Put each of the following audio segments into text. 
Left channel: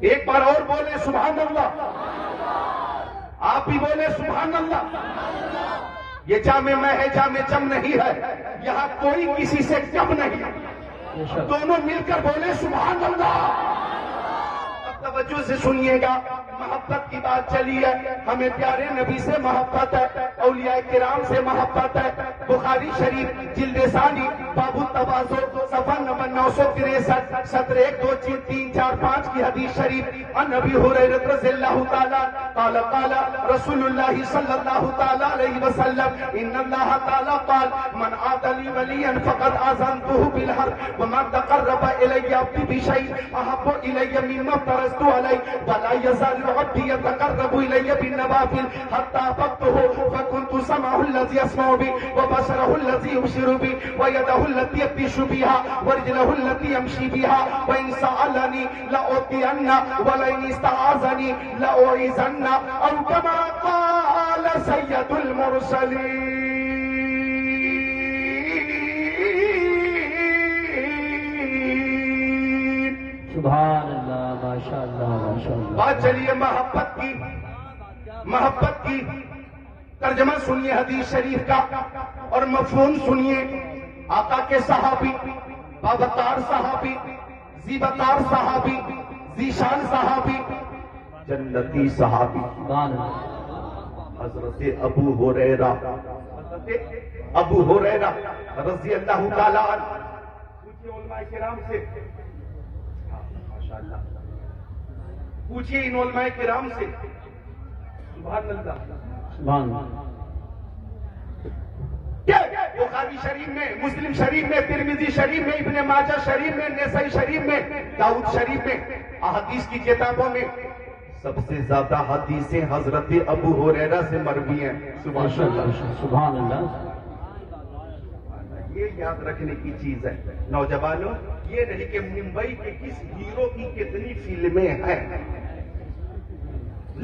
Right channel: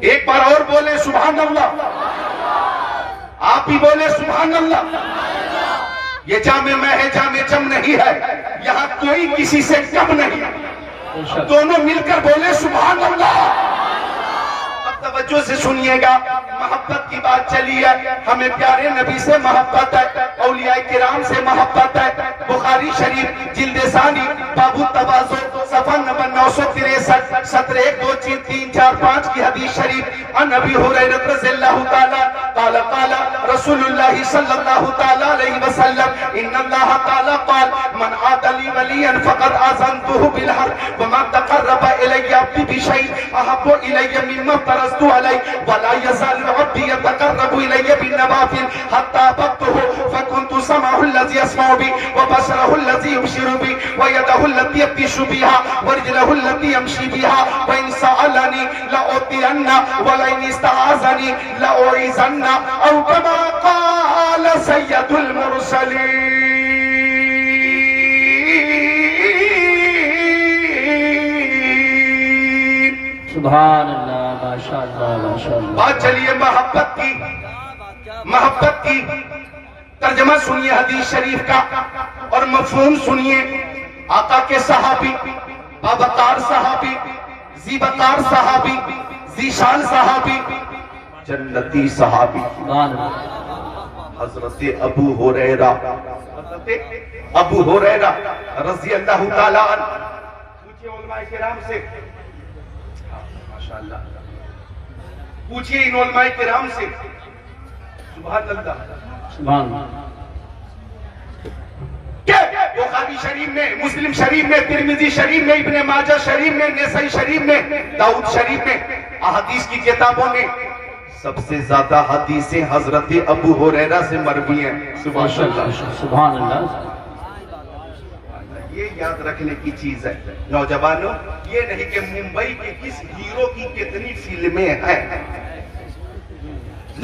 ایک بار اور بولے سبحان اللہ. آپ ہی بولے سبحان اللہ. یہ جامع میں ہے، جامع جم نہیں ہے. یہاں کوئی کسی سے کم نہیں. دونوں مل کر بولے سبحان اللہ. اب توجہ سے سنیے گا. محبت کی بات چلی ہے. ہمیں پیارے نبی سے محبت ہے، اولیاء کرام سے محبت ہے. بخاری شریف جلد ثانی باب التواضع صفحہ نمبر 963 سطر 1 2 3 4 5 کی حدیث شریف. عن ابی ہریرہ رضی اللہ تعالی قال قال رسول اللہ صلی اللہ تعالی علیہ وسلم ان اللہ تعالی قال من عاد لی ولیا فقد آذنته بالحرب وما تقرب الی عبدی بشیء احب الی مما افترضت علیہ ولا یزال عبدی يتقرب الی بالنوافل حتى احببته فكنت سمعه الذي يسمع به وبصره الذي يبصر به ويده التي يبطش بها ورجله التي يمشي بها وإن سألني لأعطينه ولئن استعاذني لأعيذنه أو كما قال سيد المرسلين. سبحان اللہ، ماشاء اللہ، ماشاء اللہ. بات چلیے محبت کی. محبت کی ترجمہ سنیے حدیث شریف کا اور مفہوم سنیے. آقا کے صحابی، بابقار صحابی، زیبقار صحابی، ذیشان صحابی، جنتی صحابی سبحان اللہ. حضرت ابو ہریرہ رضی اللہ تعالیٰ عنہ. پوچھئے علماء کرام سے، ماشاءاللہ پوچھئے ان علماء کرام سے. سبحان اللہ. سبحان اللہ. بخاری شریف میں، مسلم شریف میں، ترمذی شریف میں، ابن ماجہ شریف میں، نسائی شریف میں، داؤد شریف میں، احادیث کی کتابوں میں سب سے زیادہ حدیثیں حضرت ابو ہریرہ سے مروی ہیں. سبحان اللہ. سبحان اللہ. یہ یاد رکھنے کی چیز ہے نوجوانوں. یہ نہیں کہ ممبئی کے کس ہیرو کی کتنی فلمیں ہیں.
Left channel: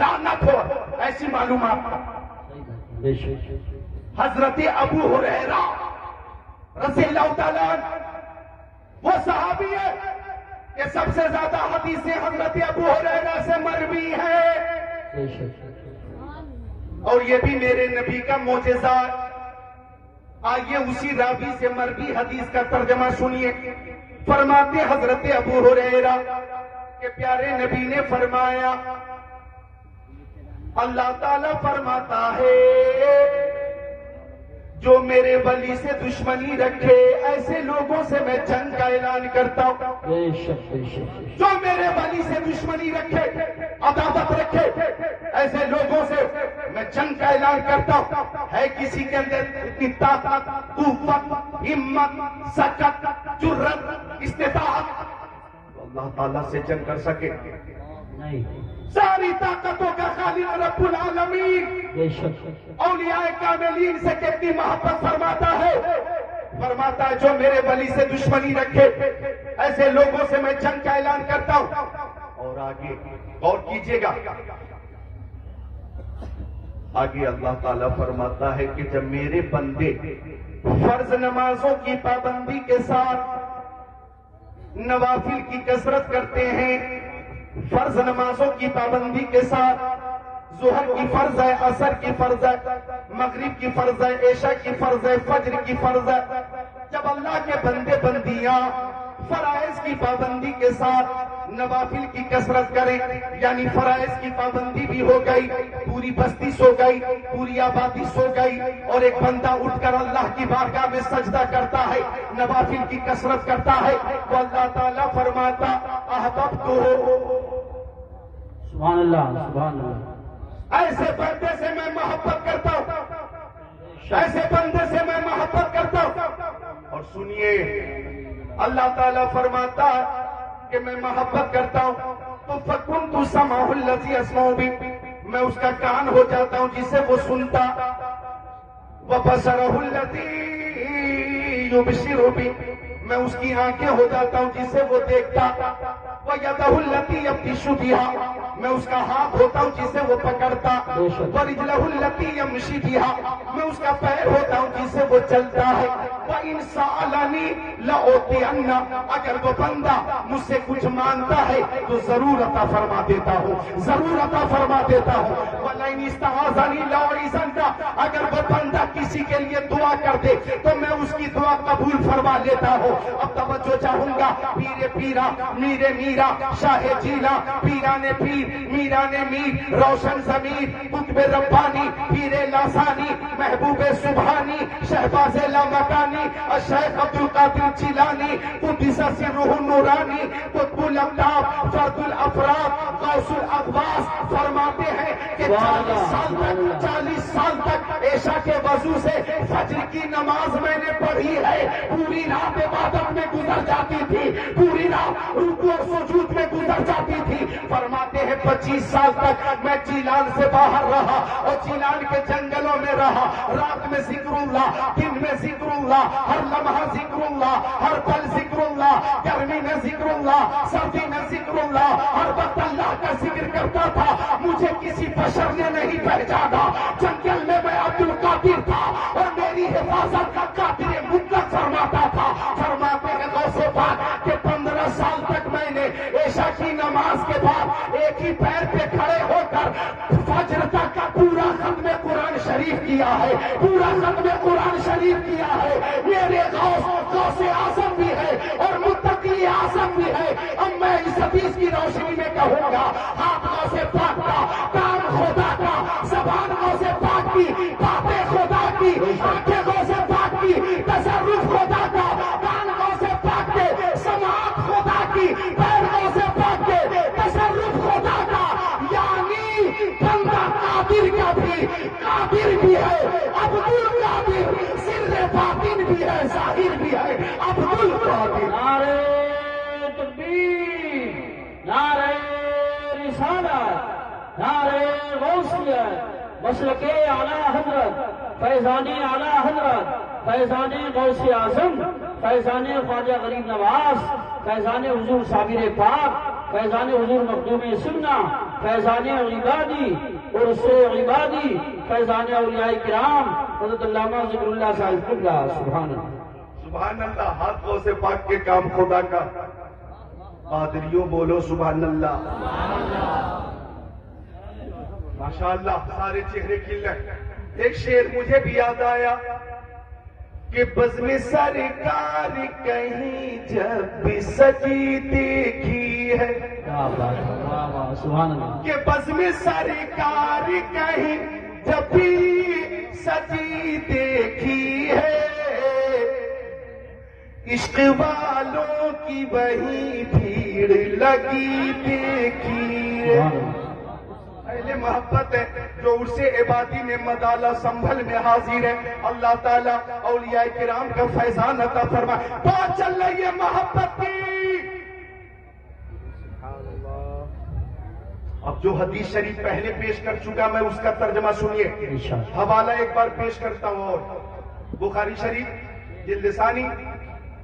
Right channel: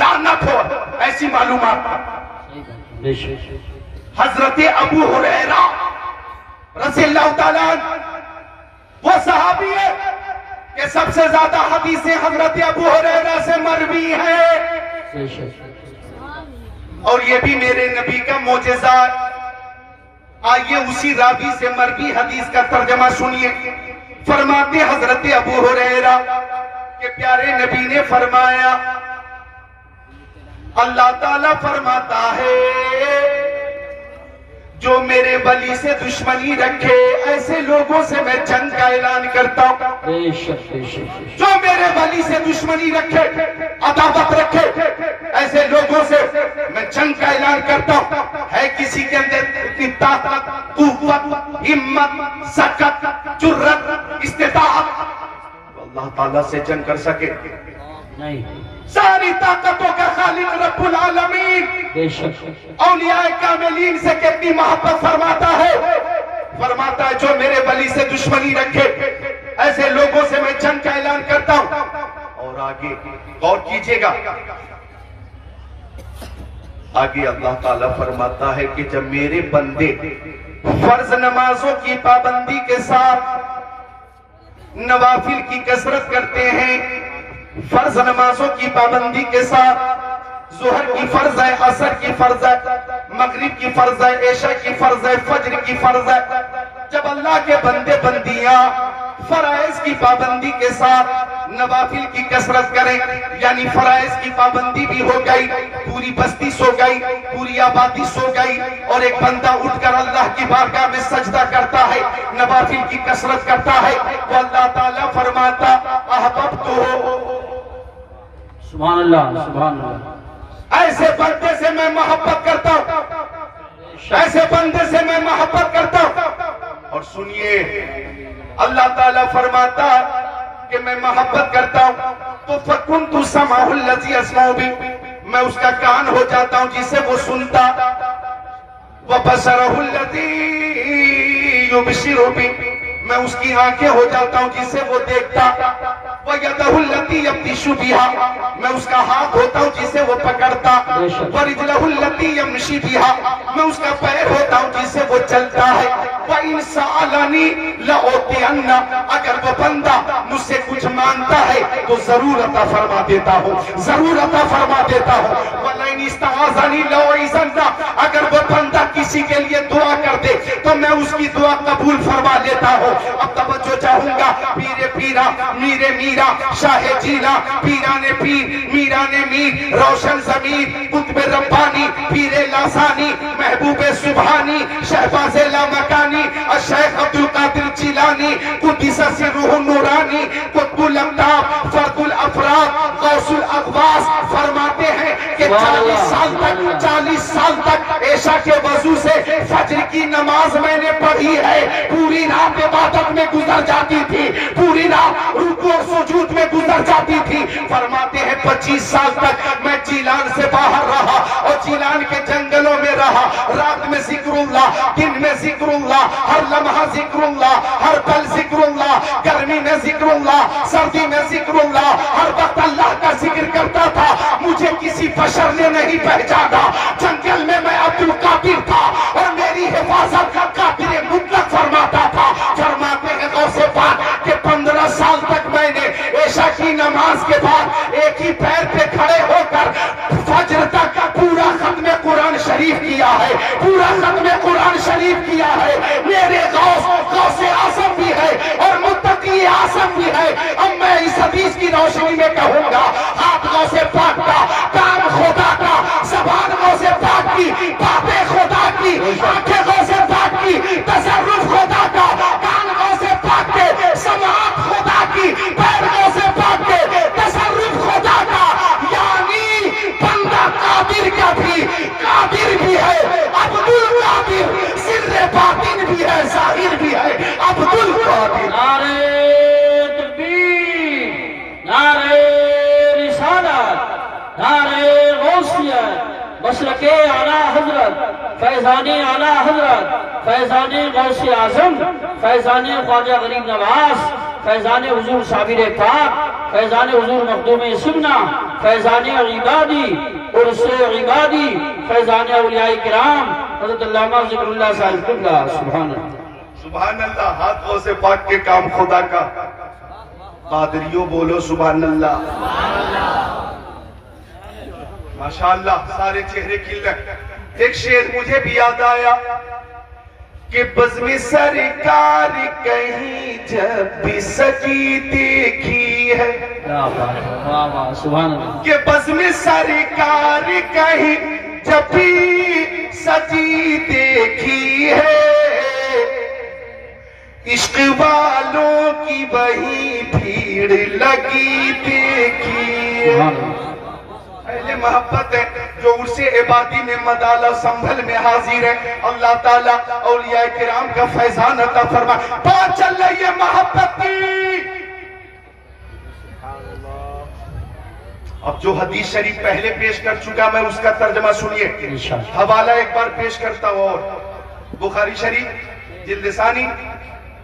لعنت ہو ایسی معلومات کا. بے شک. حضرت ابو ہریرہ رضی اللہ تعالیٰ عنہ وہ صحابی ہے کہ سب سے زیادہ حدیثیں حضرت ابو ہریرہ سے مروی ہیں. بے شک. اور یہ بھی میرے نبی کا معجزہ. آئیے اسی راوی سے مروی حدیث کا ترجمہ سنیے. فرماتے حضرت ابو ہریرہ کہ پیارے نبی نے فرمایا اللہ تعالیٰ فرماتا ہے جو میرے ولی سے دشمنی رکھے ایسے لوگوں سے میں جنگ کا اعلان کرتا ہوں. بے شک. بے شک. جو میرے ولی سے دشمنی رکھے، عداوت رکھے، ایسے لوگوں سے میں جنگ کا اعلان کرتا ہوں. ہے کسی کے اندر اتنی طاقت، قوت، ہمت، سکت، جرت، استطاعت اللہ تعالیٰ سے جنگ کر سکے؟ نہیں. ساری طاقتوں کا خالق رب العالمین بے شک. اولیاء کاملین سے کتنی محبت فرماتا ہے. فرماتا ہے جو میرے ولی سے دشمنی رکھے ایسے لوگوں سے میں جنگ کا اعلان کرتا ہوں. اور آگے غور کیجئے گا. آگے اللہ تعالیٰ فرماتا ہے کہ جب میرے بندے فرض نمازوں کی پابندی کے ساتھ نوافل کی کثرت کرتے ہیں، فرض نمازوں کی پابندی کے ساتھ ظہر کی فرض ہے، عصر کی فرض ہے، مغرب کی فرض ہے، عشاء کی فرض ہے، فجر کی فرض ہے. جب اللہ کے بندے بندیاں فرائض کی پابندی کے ساتھ نوافل کی کثرت کریں، یعنی فرائض کی پابندی بھی ہو گئی، پوری بستی سو گئی، پوری آبادی سو گئی، اور ایک بندہ اٹھ کر اللہ کی بارگاہ میں سجدہ کرتا ہے، نوافل کی کثرت کرتا ہے، تو اللہ تعالیٰ فرماتا احببتہ. سبحان اللہ. سبحان اللہ. ایسے بندے سے میں محبت کرتا ہوں، ایسے بندے سے میں محبت کرتا ہوں. اور سنیے اللہ تعالیٰ فرماتا کہ میں محبت کرتا ہوں تو فَكُنْتُ سَمْعَهُ الَّذِي يَسْمَعُ بِهِ، میں اس کا کان ہو جاتا ہوں جسے وہ سنتا. وَبَصَرَهُ الَّذِي يُبْصِرُ بِهِ، میں اس کی آنکھیں ہو جاتا ہوں جسے وہ دیکھتا. وَيَدَهُ الَّتِي يَبْطِشُ بِهَا میں اس کا ہاتھ ہوتا ہوں جسے وہ پکڑتا وَرِجْلَهُ الَّتِي يَمْشِي بِهَا میں اس کا پیر ہوتا ہوں جسے وہ چلتا ہے وَإِنْ سَأَلَنِي لَأُعْطِيَنَّ اگر وہ بندہ مجھ سے کچھ مانتا ہے تو ضرور عطا فرما دیتا ہوں ضرور عطا فرما دیتا ہوں وَلَئِنِ اسْتَعَاذَنِي لَأُعِيذَنَّ اگر وہ بندہ کسی کے لیے دعا کر دے تو میں اس کی دعا قبول فرما لیتا ہوں اب توجہ چاہوں گا پیر پیرا میرے میرا شاہ جیلا پیران پیر میران میر روشن ضمیر قطب ربانی پیر لاسانی محبوب سبحانی شہباز لامکانی الشیخ عبدالقادر جیلانی قدس سرہ النورانی قطب الاقطاب فرد الافراد غوث الاغواث فرماتے ہیں کہ 40 سال تک عشاء کے وضو سے فجر کی نماز میں نے پڑھی ہے پوری رات عبادت میں گزر جاتی تھی پوری رات رکوع اور سجود میں گزر جاتی تھی فرماتے ہیں 25 سال تک میں جیلان سے باہر رہا اور جیلان کے جنگلوں میں رہا رات میں ذکر اللہ دن میں ذکر اللہ ہر لمحہ ذکر اللہ ہر پل ذکر اللہ گرمی میں ذکر اللہ سردی میں ذکر اللہ ہر وقت اللہ کا ذکر کرتا تھا مجھے کسی بشر نے نہیں پہچانا جنگل میں عبدالقادر تھا اور میری حفاظت کا قادر مطلق فرماتا تھا فرماتے ہیں غوث پاک کہ 15 سال تک میں نے عشاء کی نماز کے بعد ایک ہی پیر پہ کھڑے ہو کر فجر تک پورا ختم قرآن شریف کیا ہے پورا ختم قرآن شریف کیا ہے میرے غوث اعظم بھی ہے اور متقی اعظم بھی ہے اب میں اس حدیث کی روشنی میں کہوں گا ہاتھ غوث پاک کا کام خدا کا زبان غوث پاک کی باتیں خدا کی آنکھیں غوث پاک کی تصرف خدا کا کان غوث پاک کے سماعت خدا کی پیر غوث پاک کے تصرف خدا کا یعنی بندہ قادر کا بھی قادر بھی ہے عبدالقادر سر باطن بھی ہے ظاہر بھی ہے عبدالقادر نعرہ تکبیر نعرہ رسالت نعرہ غوثیت مسلک اعلیٰ حضرت فیضانی اعلیٰ حضرت فیضانی غوث اعظم فیضانی خواجہ غریب نواز فیضانی حضور صابر پاک فیضانی حضور مخدوم سمنہ فیضانی عبادی عرس عبادی فیضانی اولیاء کرام حضرت علامہ ذکر اللہ صاحب قبلہ سبحان اللہ سبحان اللہ ہاتھ غوث پاک کے کام خدا کا قادریوں بولو سبحان اللہ ماشاءاللہ سارے چہرے کھل ایک شعر مجھے بھی یاد آیا کہ بزم سرکار کہیں جب بھی سجی دیکھی ہے سبحان اللہ کہ بزم سرکار کہیں جب بھی سجی دیکھی ہے عشق والوں کی وہی بھیڑ لگی دیکھی ہے اہل محبت ہے جو عرص عبادی میں مدالہ سنبھل میں حاضر ہے اللہ تعالیٰ اولیاء کرام کا فیضان عطا فرمائے بات چل رہی ہے محبت کی اب جو حدیث شریف پہلے پیش کر چکا میں اس کا ترجمہ سنیے حوالہ ایک بار پیش کرتا ہوں اور بخاری شریف جلد ثانی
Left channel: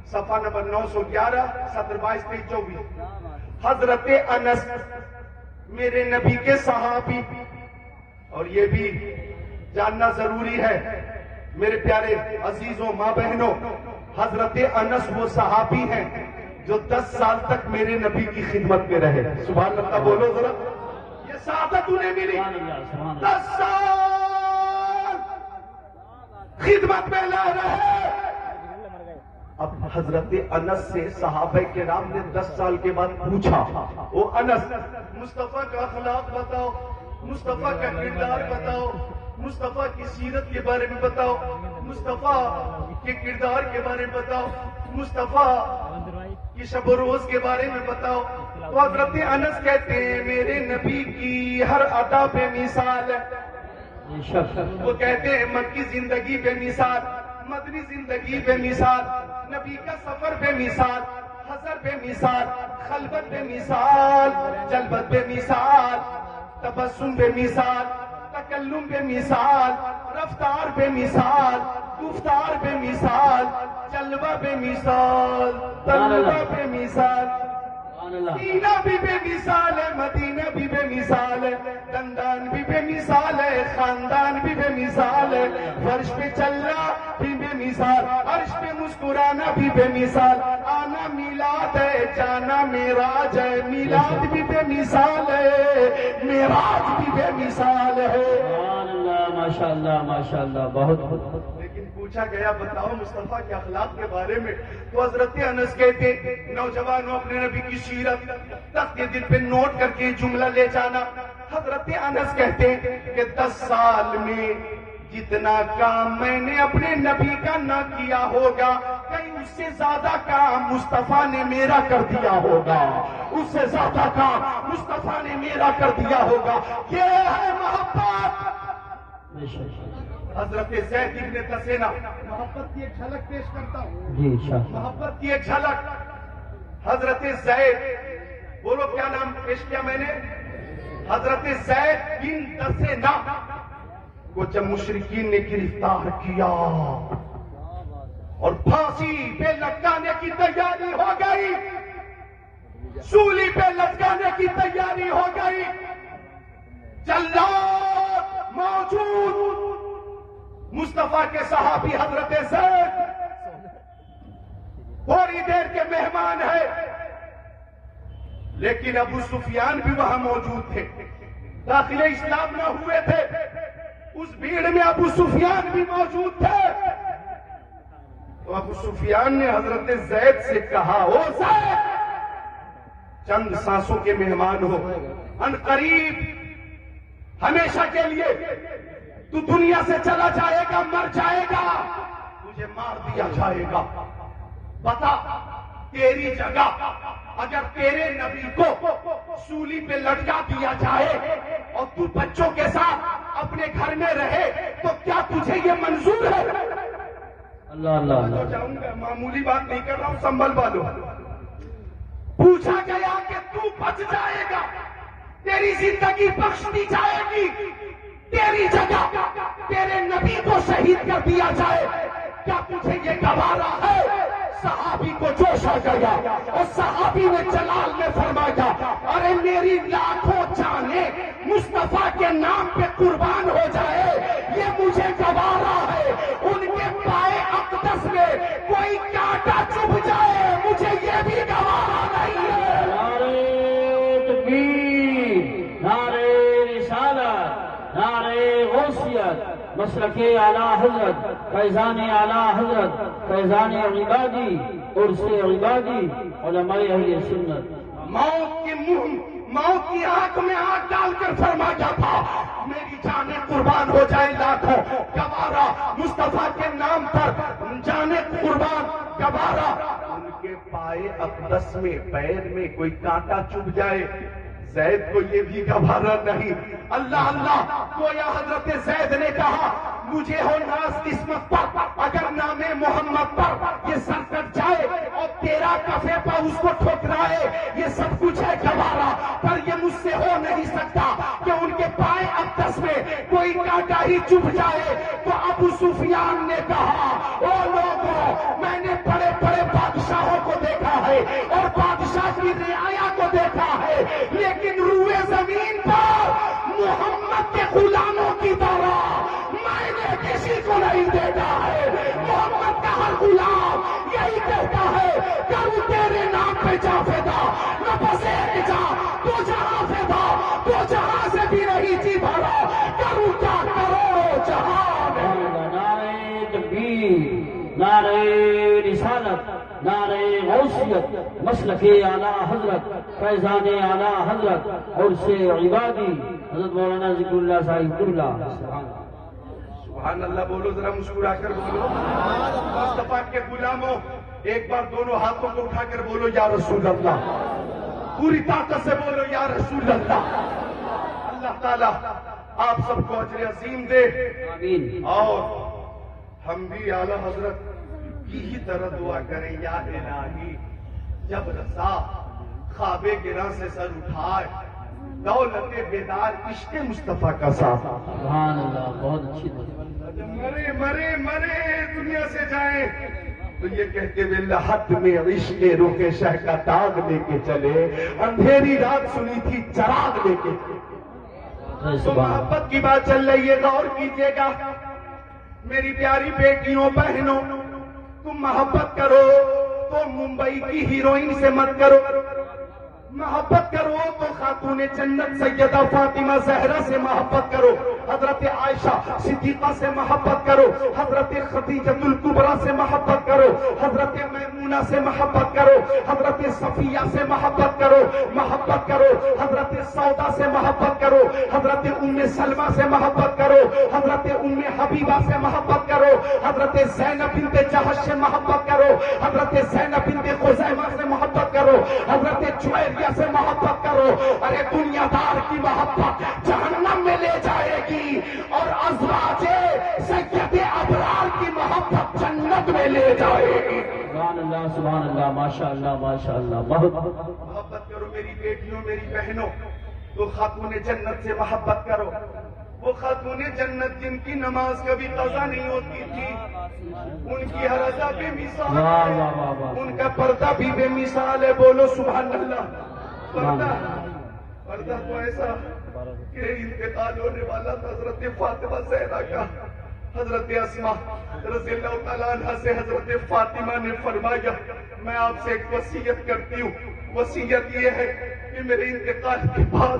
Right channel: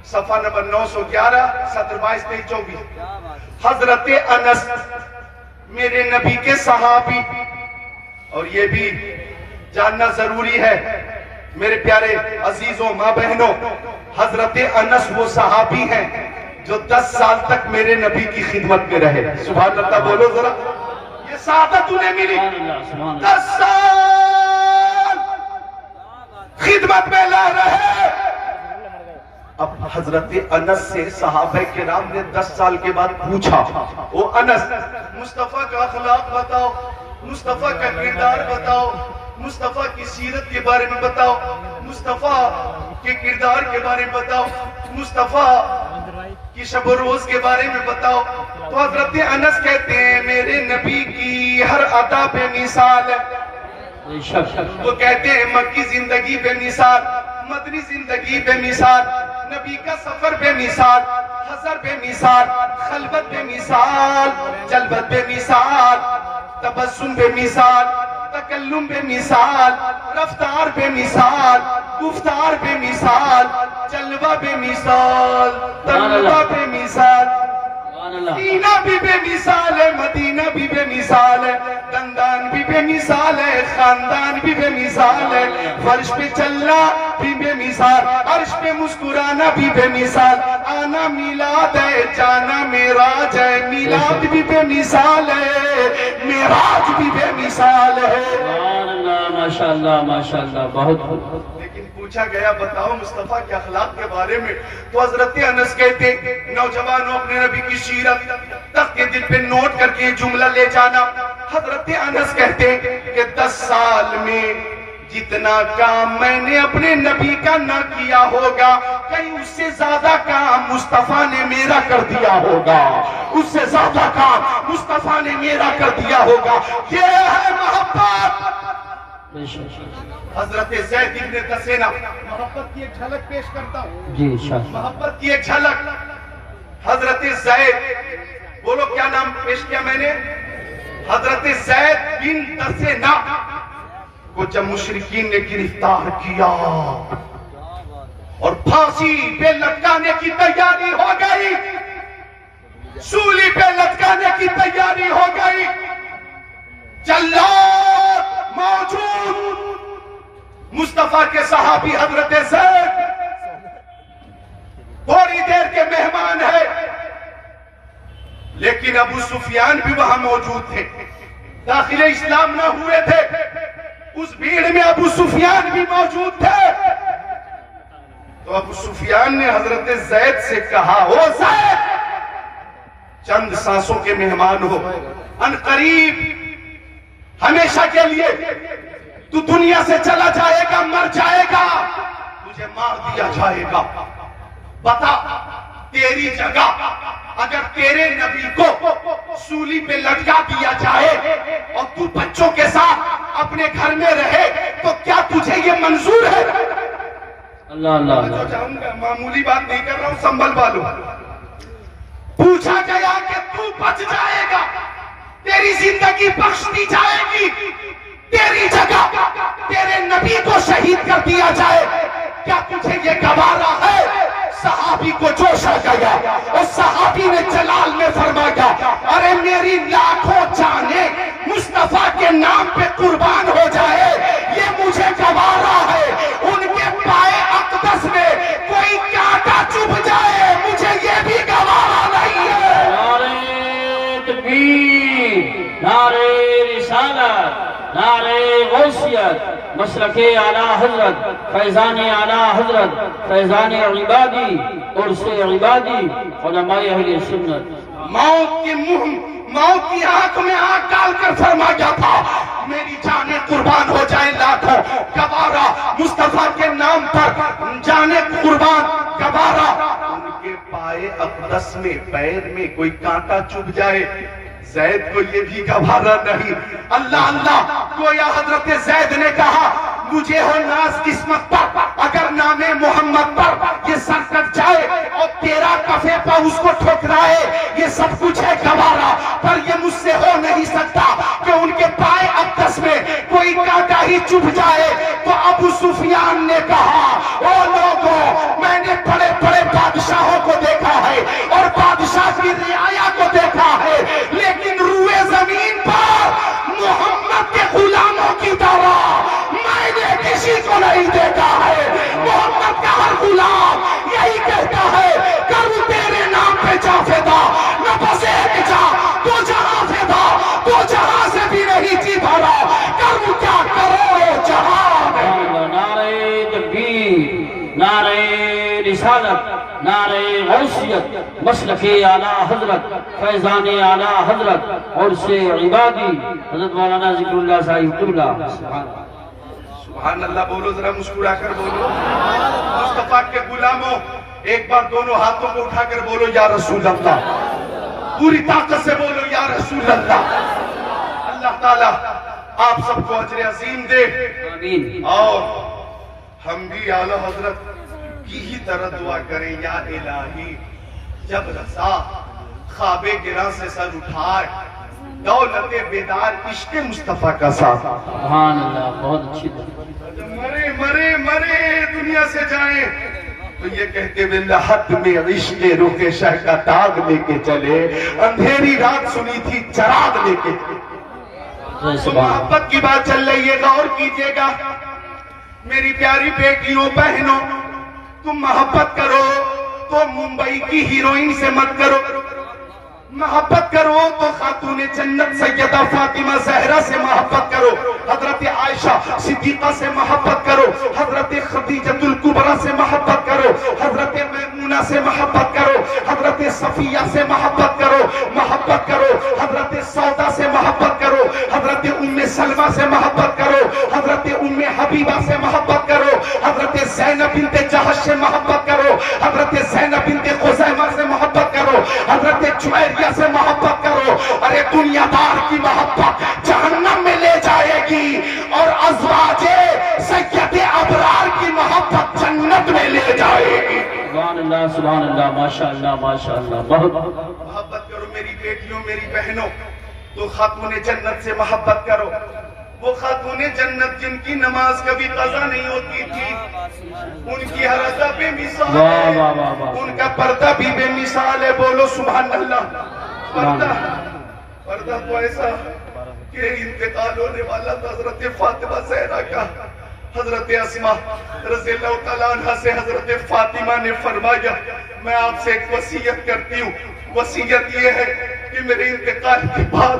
صفحہ نمبر 911 سطر 22-24 حضرت انس میرے نبی کے صحابی اور یہ بھی جاننا ضروری ہے میرے پیارے عزیزوں ماں بہنوں حضرت انس وہ صحابی ہیں جو 10 سال تک میرے نبی کی خدمت میں رہے سبحان اللہ بولو ذرا یہ سعادت انہیں ملی 10 سال خدمت میں رہے اب حضرت انس سے صحابہ کرام نے 10 سال کے بعد پوچھا او انس مصطفیٰ کا اخلاق بتاؤ مصطفیٰ کا کردار بتاؤ مصطفیٰ کی سیرت کے بارے میں بتاؤ مصطفیٰ کے کردار کے بارے میں بتاؤ مصطفیٰ کی شب و روز کے بارے میں بتاؤ تو حضرت انس کہتے ہیں میرے نبی کی ہر عطا بے مثال ہے وہ کہتے ہیں مکی زندگی بے مثال مدنی زندگی بے مثال نبی کا سفر بے مثال حضر بے مثال خلوت بے مثال جلوت بے مثال تبسم بے مثال تکلم بے مثال رفتار بے مثال گفتار بے مثال جلوہ بے مثال تلوہ بے مثال اللہ سینہ بھی بے مثال ہے، مدینہ بھی بے مثال ہے، دندان بھی بے مثال ہے، خاندان بھی بے مثال ہے، فرش پہ چلنا بھی بے مثال، عرش پہ مسکرانا بھی بے مثال، آنا میلاد ہے، جانا معراج ہے، میلاد بھی بے مثال ہے، معراج بھی بے مثال ہے۔ سبحان اللہ، ماشاءاللہ ماشاءاللہ، بہت لیکن پوچھا گیا بتاؤ مصطفیٰ کے اخلاق کے بارے میں، تو حضرت انس کہتے نوجوانوں اپنے نبی کی سیرت تخت کے دل پہ نوٹ کر کے یہ جملہ لے جانا۔ حضرت انس کہتے کہ 10 سال میں جتنا کام میں نے اپنے نبی کا نہ کیا ہوگا، کہیں اس سے زیادہ کام مصطفیٰ نے میرا کر دیا ہوگا، اس سے زیادہ کام مصطفیٰ نے میرا کر دیا ہوگا۔ یہ ہے محبت۔ بے شک۔ حضرت زید ابن دسینہ، محبت کی ایک جھلک پیش کرتا ہوں، جی شاہ، محبت کی ایک جھلک۔ حضرت زید، بولو کیا نام پیش کیا میں نے؟ حضرت زید بن دسینہ کو جب مشرکین نے گرفتار کیا اور پھانسی پہ لٹکانے کی تیاری ہو گئی، سولی پہ لٹکانے کی تیاری ہو گئی، جلاد موجود، مصطفیٰ کے صحابی حضرت زید تھوڑی دیر کے مہمان ہے، لیکن ابو سفیان بھی وہاں موجود تھے، داخل اسلام نہ ہوئے تھے، اس بھیڑ میں ابو سفیان بھی موجود تھے۔ تو ابو سفیان نے حضرت زید سے کہا، او زید، چند سانسوں کے مہمان ہو، ان قریب ہمیشہ کے لیے تو دنیا سے چلا جائے گا، مر جائے گا، تجھے مار دیا جائے گا، بتا تیری جگہ اگر تیرے نبی کو سولی پہ لٹکا دیا جائے اور تو بچوں کے ساتھ اپنے گھر میں رہے تو کیا تجھے یہ منظور ہے؟ اللہ اللہ جو اللہ، جاؤں گا، معمولی بات نہیں کر رہا ہوں، سنبھل والو۔ پوچھا گیا کہ تو بچ جائے گا، تیری زندگی بخش دی جائے گی، تیری جگہ تیرے نبی کو شہید کر دیا جائے، کیا تجھے یہ گوارا ہے؟ صحابی کو جوش آ گیا، اس صحابی نے جلال میں فرمایا، ارے میری لاکھوں جانیں مصطفیٰ کے نام پہ قربان ہو جائے، یہ مجھے گوارا ہے، ان کے پائے اقدس میں کوئی کانٹا چبھ جائے، مجھے یہ بھی گوارا نہیں ہے۔ نعرہ تکبیر، نعرہ رسالت، نعرہ غوثیت، مسلک اعلیٰ حضرت، فیضان اعلیٰ حضرت، فیضان عبادی، عرس عبادی، علماء اہل سنت۔ موت کے موت کی آنکھ میں آنکھ ڈال کر فرمایا تھا، میری جانیں قربان ہو جائیں لاکھوں، گوارا مصطفیٰ کے نام پر جانیں قربان، گوارا ان کے پائے اقدس میں پیر میں کوئی کانٹا چبھ جائے، زید کو یہ بھی گوارا نہیں۔ اللہ اللہ، گویا حضرت زید نے کہا، مجھے ہو ناز قسمت پر اگر نام محمد پر یہ سر کٹ جائے اور تیرا کفے پر اس کو ٹھکرائے، یہ سب کچھ ہے گوارا، پر یہ مجھ سے ہو نہیں سکتا کہ ان کے پائے اقدس میں کوئی کانٹا ہی چبھ جائے۔ تو ابو سفیان نے کہا، او لوگوں، میں نے بڑے بڑے بادشاہوں کو دیکھا ہے اور بادشاہ کی رعایا کو دیکھا ہے، لیکن روئے زمین پر محمد کے غلاموں کی طرح میں نے کسی کو نہیں دیکھا ہے۔ محمد کا ہر غلام یہی کہتا ہے، کروں تیرے نام پہ جا فدا، نہ بس ایک جا تو جہاں فدا، تو جہاں سے بھی نہیں جی بھرا، کروں کیا کروڑوں جہان۔ نعرہ تکبیر، نعرہ رسالت، نعرہ غوثیت، مسلک اعلیٰ حضرت، فیضان اعلیٰ حضرت، عرس عبادی، حضرت مولانا ذکر اللہ صاحب قبلہ۔ سبحان اللہ بولو، ذرا مسکرا کر بولو۔ مصطفیٰ کے غلاموں، ایک بار دونوں ہاتھوں کو اٹھا کر بولو یا رسول اللہ، پوری طاقت سے بولو یا رسول اللہ۔ اللہ تعالیٰ آپ سب کو اجر عظیم دے، آمین۔ اور ہم بھی اعلیٰ حضرت کی ہی طرح دعا کریں، یا الہی جب رضا خواب گراں سے سر اٹھائے، دولت بیدار عشق مصطفیٰ کا ساتھ، سبحان اللہ، بہت اچھی بات۔ مرے مرے مرے دنیا سے جائیں، تو یہ کہتے ہوئے لحد میں عشق رخ شہ کا داغ لے کے چلے، اندھیری رات سنی تھی چراغ لے کے چلے۔ تو محبت کی بات چل رہی ہے، غور کیجئے گا میری پیاری بیٹیوں بہنوں، تم محبت کرو تو ممبئی کی ہیروئن سے مت کرو، محبت کرو تو خاتون جنت سیدہ فاطمہ زہرا سے محبت کرو، حضرت عائشہ صدیقہ سے محبت کرو، حضرت خدیجۃ الکبریٰ سے محبت کرو، حضرت میمونہ سے محبت کرو، حضرت صفیہ سے محبت کرو، حضرت سودا سے محبت کرو، حضرت ام سلمہ سے محبت کرو، حضرت ام حبیبہ سے محبت کرو، حضرت زینب بنت جہش سے محبت کرو، حضرت زینب بنت خزیمہ سے محبت کرو، حضرت جویریہ سے محبت کرو۔ ارے دنیا دار کی محبت جہنم میں لے جائے گی، اور ازواج سید ابرار کی محبت جنت میں لے جائے گی۔ سبحان اللہ، ماشاءاللہ ماشاءاللہ، بہت محبت کرو میری بیٹیوں میری بہنوں، تو خاتون جنت سے محبت کرو، وہ خاتون جنت جن کی نماز کبھی قضا نہیں ہوتی تھی، ان کی ہر ادا بے مثال ہے، ان کا پردہ بھی بے مثال ہے، بولو سبحان اللہ۔ پردہ تو ایسا کہ انتقال ہونے والا تھا حضرت فاطمہ زہرا کا، حضرت اسماء رضی اللہ تعالیٰ عنہ سے حضرت فاطمہ نے فرمایا میں آپ سے ایک وصیت کرتی ہوں، وصیت یہ ہے کہ میرے انتقال کے بعد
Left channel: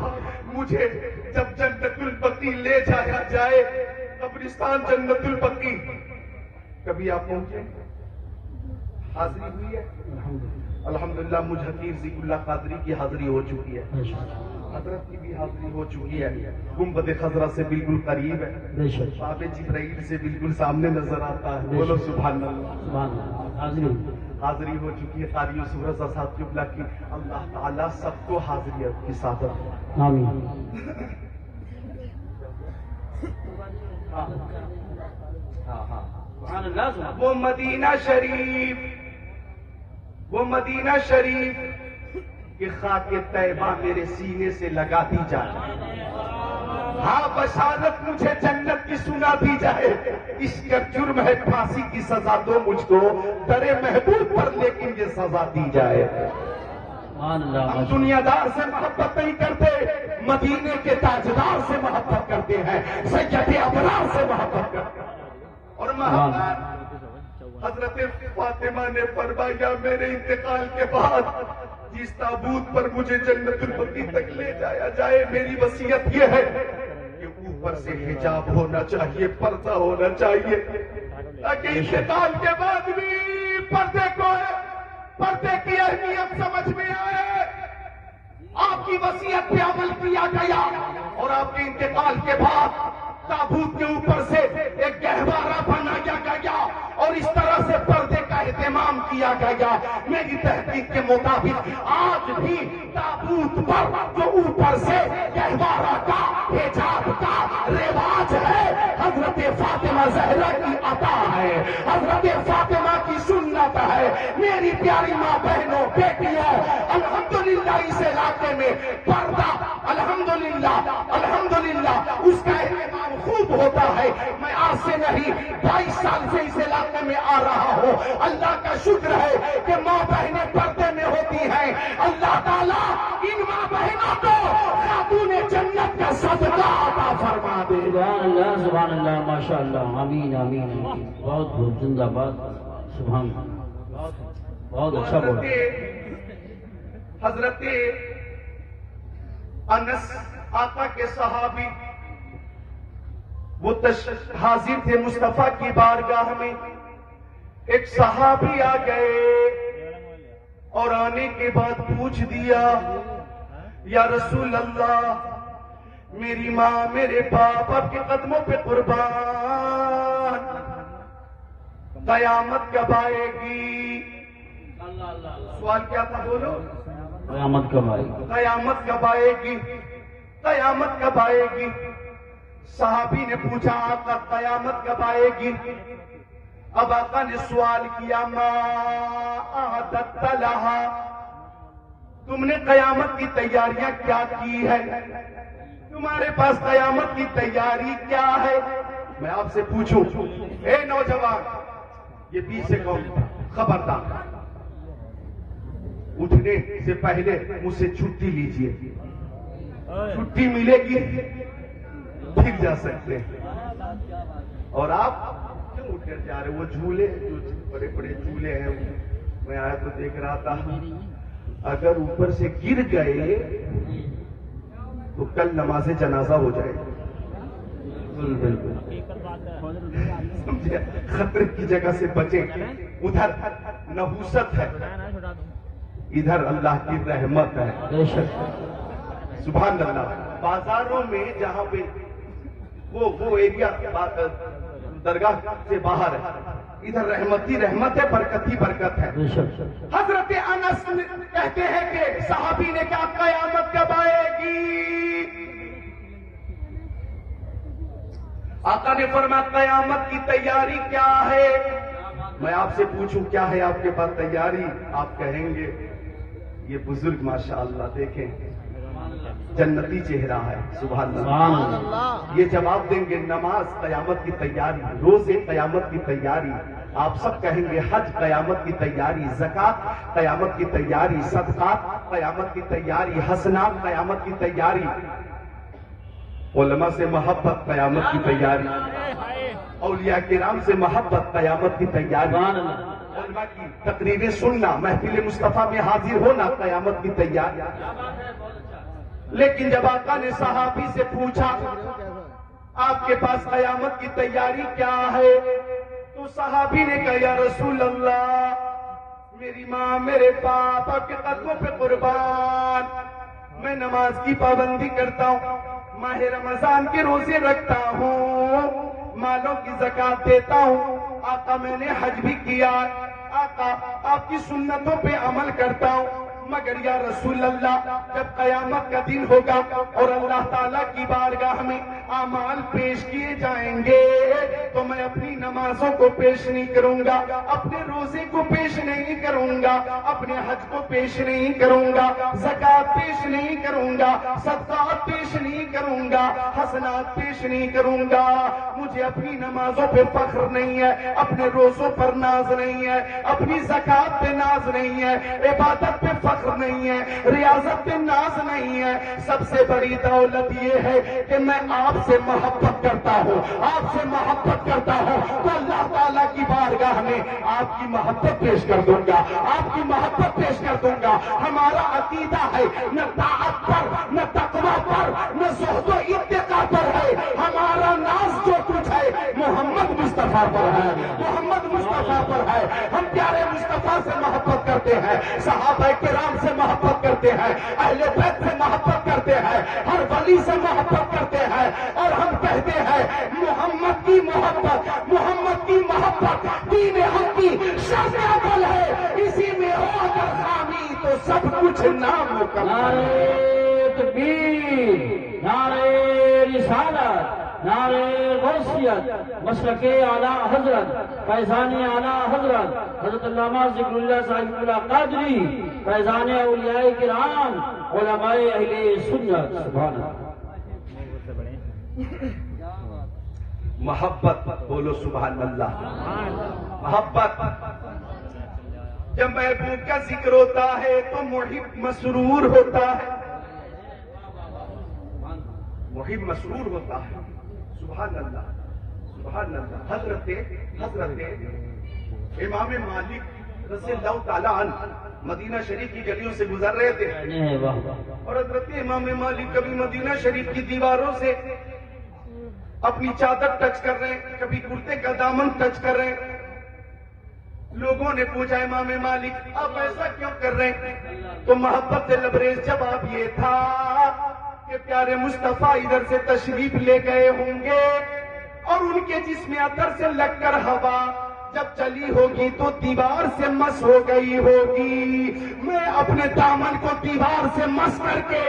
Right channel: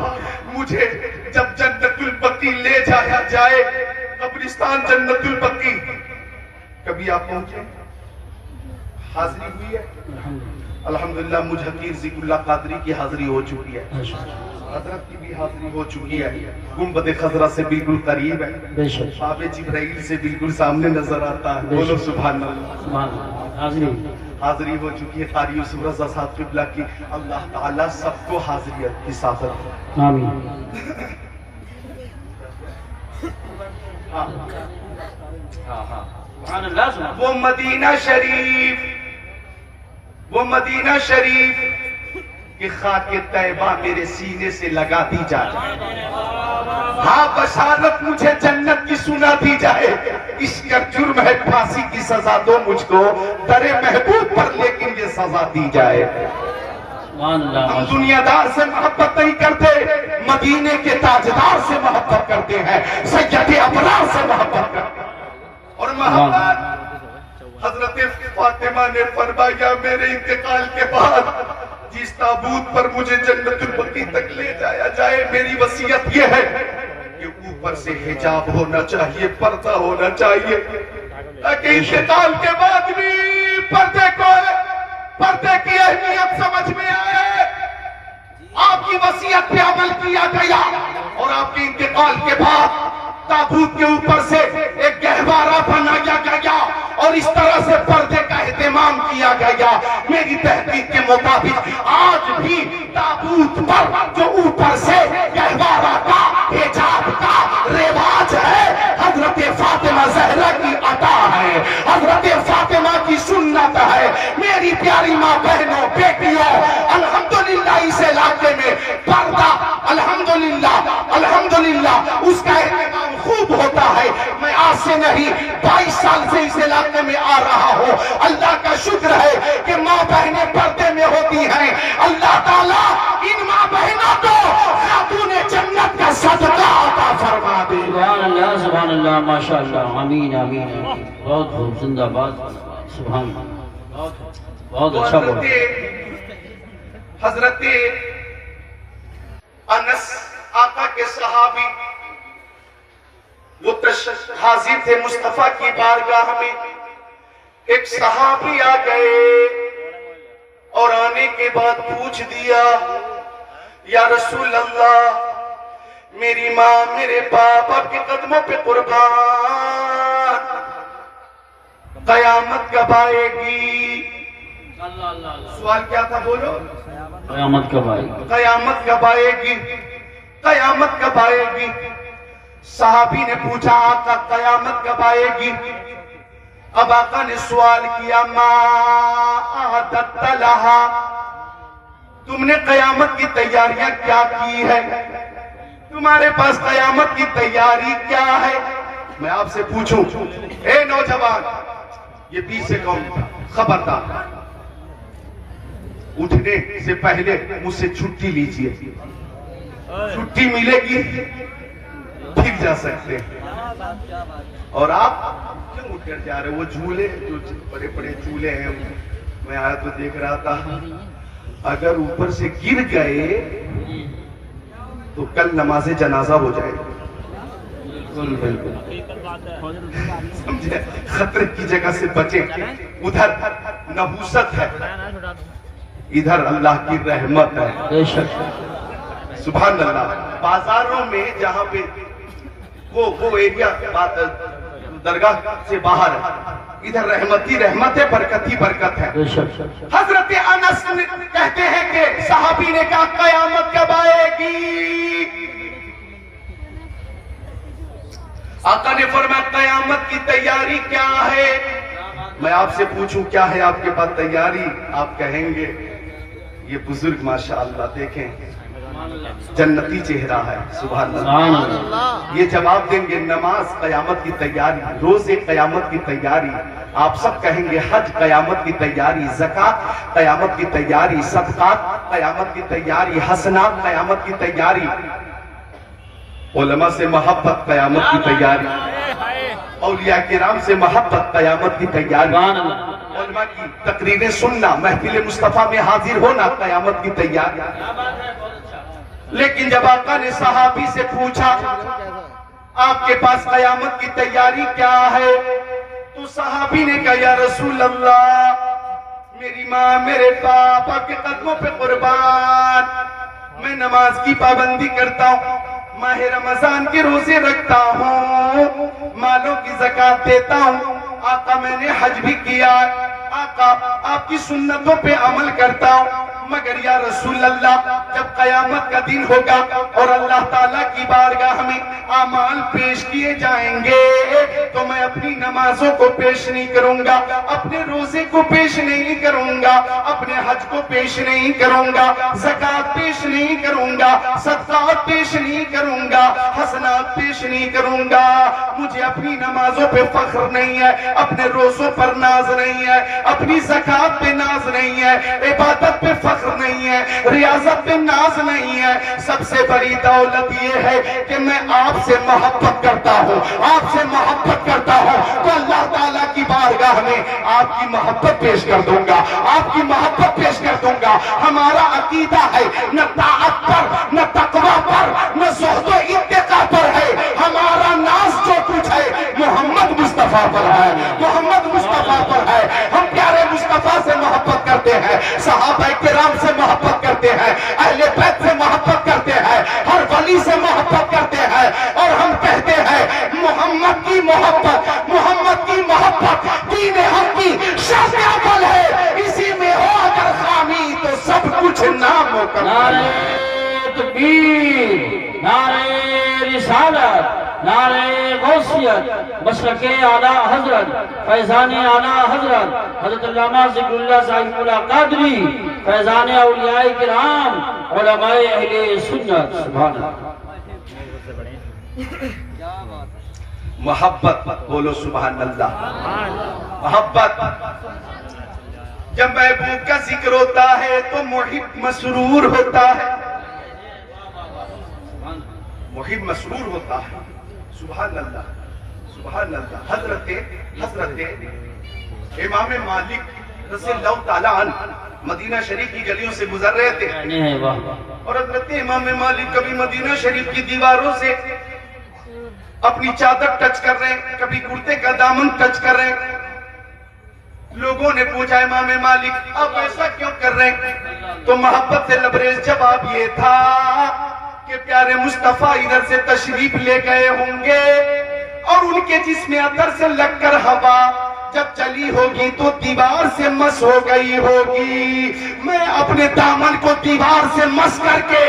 مجھے جب جنت البقیع لے جایا جائے، قبرستان جنت البقیع، کبھی آپ پہنچے؟ حاضری ہوئی ہے؟ الحمدللہ مجھ حقیر ذکر اللہ قادری کی حاضری ہو چکی ہے، حضرت کی بھی حاضری ہو چکی ہے، گنبد خضرا سے بالکل قریب ہے، باب جبرائیل سے بالکل سامنے نظر آتا ہے، بولو سبحان اللہ۔ حاضری ہو چکی ہے قاری یوسف رضا صاحب قبلہ کی، اللہ تعالیٰ سب کو حاضریت کی سعادت آمین۔ وہ مدینہ شریف کہ خاک طیبہ میرے سینے سے لگا دی جائے، ہاں بشارت مجھے جنت کی سنا دی جائے، اس کا جرم ہے پھانسی کی سزا دو مجھ کو، در محبوب پر لیکن یہ سزا دی جائے۔ ہم دنیا دار سے محبت نہیں کرتے، مدینے کے تاجدار سے محبت کرتے ہیں، سید ابرار سے محبت کرتے ہیں، اور محبت حضرت فاطمہ نے فرمایا میرے انتقال کے بعد جس تابوت پر مجھے جنت البقیع تک لے جایا جائے، میری وصیت یہ ہے کہ اوپر سے حجاب ہونا چاہیے، پردہ ہونا چاہیے، تاکہ انتقال کے بعد بھی پردے کی اہمیت سمجھ میں آئے۔ آپ کی وصیت پہ عمل کیا گیا، اور آپ کے انتقال کے بعد تابوت کے اوپر سے ایک گہوارہ بنایا گیا، اور اس طرح سے پردے کا اہتمام کیا گیا۔ میری تحقیق کے مطابق آج بھی تابوت پر جو اوپر سے گہوارہ کا حجاب کا رواج ہے، حضرت فاطمہ زہرا کی عطا ہے، حضرت فاطمہ کی سنت ہے۔ میری پیاری ماں بہنوں بیٹیوں، الحمدللہ اس علاقے میں پردہ الحمدللہ اس کا اہتمام خوب ہوتا ہے۔ میں آج سے نہیں 22 سال سے اس علاقے میں آ رہا ہوں، اللہ کا شکر ہے کہ ماں بہنیں پردے میں ہوتی ہیں۔ اللہ تعالیٰ ان ماں بہنوں کو خاتون جنت کا صدقہ عطا فرما دے۔ سبحان اللہ ماشاءاللہ، آمین آمین، بہت خوب، زندہ باد، سبحان اللہ، بہت اچھا بولا۔ حضرت انس آقا کے صحابی وہ حاضر تھے مصطفیٰ کی بارگاہ میں، ایک صحابی آ گئے اور آنے کے بعد پوچھ دیا یا رسول اللہ میری ماں میرے باپ آپ کے قدموں پہ قربان، قیامت کب آئے گی؟ سوال کیا تھا بولو؟ قیامت کب آئے گی؟ قیامت کب آئے گی؟ قیامت کب آئے گی؟ صحابی نے پوچھا آقا قیامت کب آئے گی؟ اب آقا نے سوال کیا ما اعددت لہا، تم نے قیامت کی تیاریاں کیا کی ہے؟ تمہارے پاس قیامت کی تیاری کیا ہے؟ میں آپ سے پوچھوں اے نوجوان، یہ پیچھے کون تھا؟ خبردار اٹھنے سے پہلے مجھ سے چھٹی لیجیے، چھٹی ملے گی پھر جا سکتے ہیں۔ اور آپ کیوں اٹھ کر جا رہے؟ وہ جھولے جو بڑے بڑے جھولے ہیں، میں آیا تو دیکھ رہا تھا، اگر اوپر سے گر گئے تو کل نماز جنازہ ہو جائے گی۔ سمجھے؟ خطرے کی جگہ سے بچے، ادھر نحوست ہے، ادھر اللہ کی رحمت ہے۔ سبحان اللہ۔ بازاروں میں جہاں پہ وہ ایریا درگاہ سے باہر ہے، ادھر رحمت ہی رحمت ہے، برکت ہی برکت ہے۔ حضرت انس کہتے ہیں کہ صحابی نے کہا قیامت کب آئے گی؟ آقا نے فرمایا قیامت کی تیاری کیا ہے؟ میں آپ سے پوچھوں کیا ہے آپ کے پاس تیاری؟ آپ کہیں گے یہ بزرگ ماشاءاللہ دیکھیں جنتی چہرہ ہے، سبحان اللہ۔ یہ جواب دیں گے نماز قیامت کی تیاری، روزے قیامت کی تیاری، آپ سب کہیں گے حج قیامت کی تیاری، زکوٰۃ قیامت کی تیاری، صدقات قیامت کی تیاری، حسنات قیامت کی تیاری، علماء سے محبت قیامت کی تیاری، اولیاء کرام سے محبت قیامت کی تیاری، علماء کی تقریریں سننا، محفل مصطفیٰ میں حاضر ہونا قیامت کی تیاری۔ لیکن جب آقا نے صحابی سے پوچھا آپ کے پاس قیامت کی تیاری کیا ہے، تو صحابی نے کہا یا رسول اللہ میری ماں میرے باپ آپ کے قدموں پہ قربان، میں نماز کی پابندی کرتا ہوں، ماہ رمضان کے روزے رکھتا ہوں، مالوں کی زکوٰۃ دیتا ہوں، آقا میں نے حج بھی کیا، آقا آپ کی سنتوں پہ عمل کرتا ہوں، مگر یا رسول اللہ جب قیامت کا دن ہوگا اور اللہ تعالیٰ کی بارگاہ میں اعمال پیش کیے جائیں گے تو میں اپنی نمازوں کو پیش نہیں کروں گا، اپنے روزے کو پیش نہیں کروں گا، اپنے حج کو پیش نہیں کروں گا، زکوٰۃ پیش نہیں کروں گا، صدقات پیش نہیں کروں گا، حسنات پیش نہیں کروں گا۔ مجھے اپنی نمازوں پہ فخر نہیں ہے، اپنے روزوں پر ناز نہیں ہے، اپنی زکوٰۃ پہ ناز نہیں ہے، عبادت پہ فخر نہیں ہے، ریاضت پہ ناز نہیں ہے، سب سے بڑی دولت یہ ہے کہ میں آپ سے محبت کرتا ہوں، آپ سے محبت کرتا ہوں تو اللہ تعالیٰ کی بارگاہ میں آپ کی محبت پیش کر دوں گا، آپ کی محبت پیش کر دوں گا۔ ہمارا عقیدہ ہے نہ طاعت پر نہ تقوی پر نہ زہد و اتقاء پر ہے، ہمارا ناز جو کچھ ہے محمد مصطفیٰ پر ہے، محمد مصطفیٰ پر ہے۔ ہم پیارے مصطفیٰ سے محبت کرتے ہیں، صحابہ کرام سے محبت کرتے ہیں، اہل بیت سے محبت کرتے ہیں، ہر ولی سے محبت کرتے ہیں، اور ہم کہتے ہیں محمد کی محبت، محمد کی محبت دین حق کی شرط عمل ہے، اسی میں ہو اگر خامی تو سب کچھ نامکمل۔ نعرہ تکبیر، نعرہ رسالت، نعرہ غوثیت، مسلک اعلیٰ حضرت، فیضان اعلیٰ حضرت حضرت علامہ ذکر اللہ صاحب اللہ قادری، فیضان اولیاء کرام، علماء اہل سنت، سبحان اللہ۔ محبت بولو سبحان اللہ۔ محبت جب محبوب کا ذکر ہوتا ہے تو محب مسرور ہوتا ہے، محب مسرور ہوتا ہے، سبحان اللہ سبحان اللہ۔ حضرت امام مالک رضی اللہ تعالیٰ عنہ مدینہ شریف کی گلیوں سے گزر رہے تھے، اور حضرت امام مالک کبھی مدینہ شریف کی دیواروں سے اپنی چادر ٹچ کر رہے ہیں، کبھی کرتے کا دامن ٹچ کر رہے ہیں۔ لوگوں نے پوچھا امام مالک آپ ایسا کیوں کر رہے ہیں؟ تو محبت سے لبریز جواب یہ تھا کہ پیارے مصطفیٰ ادھر سے تشریف لے گئے ہوں گے اور ان کے جسم عطر سے لگ کر ہوا جب چلی ہوگی تو دیوار سے مس ہو گئی ہوگی، میں اپنے دامن کو دیوار سے مس کر کے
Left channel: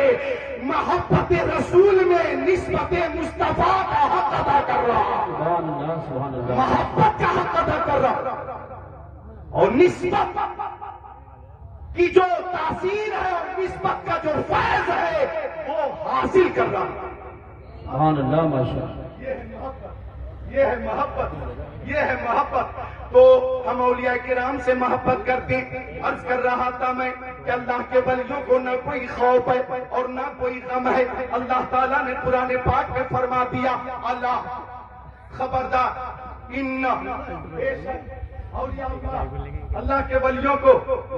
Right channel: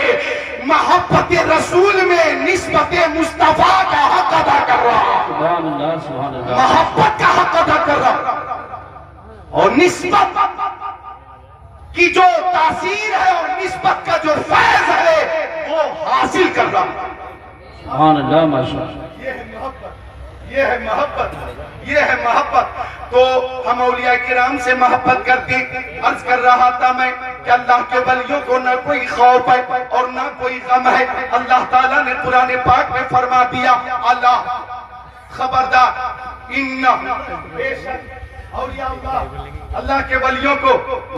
محبت رسول میں نسبت مصطفیٰ کا حق ادا کر رہا ہوں، محبت کا حق ادا کر رہا ہوں، اور نسبت کی جو تاثیر ہے اور نسبت کا جو فیض ہے وہ حاصل کر رہا ہوں۔ سبحان اللہ، ماشاءاللہ۔ یہ ہے محبت، یہ ہے محبت، یہ ہے محبت۔ تو ہم اولیاء کرام سے محبت کرتے۔ عرض کر رہا تھا میں کہ اللہ کے ولیوں کو نہ کوئی خوف ہے اور نہ کوئی غم ہے۔ اللہ تعالیٰ نے قرآن پاک میں فرما دیا، اللہ خبردار بے شک اولیاء اللہ کے ولیوں کو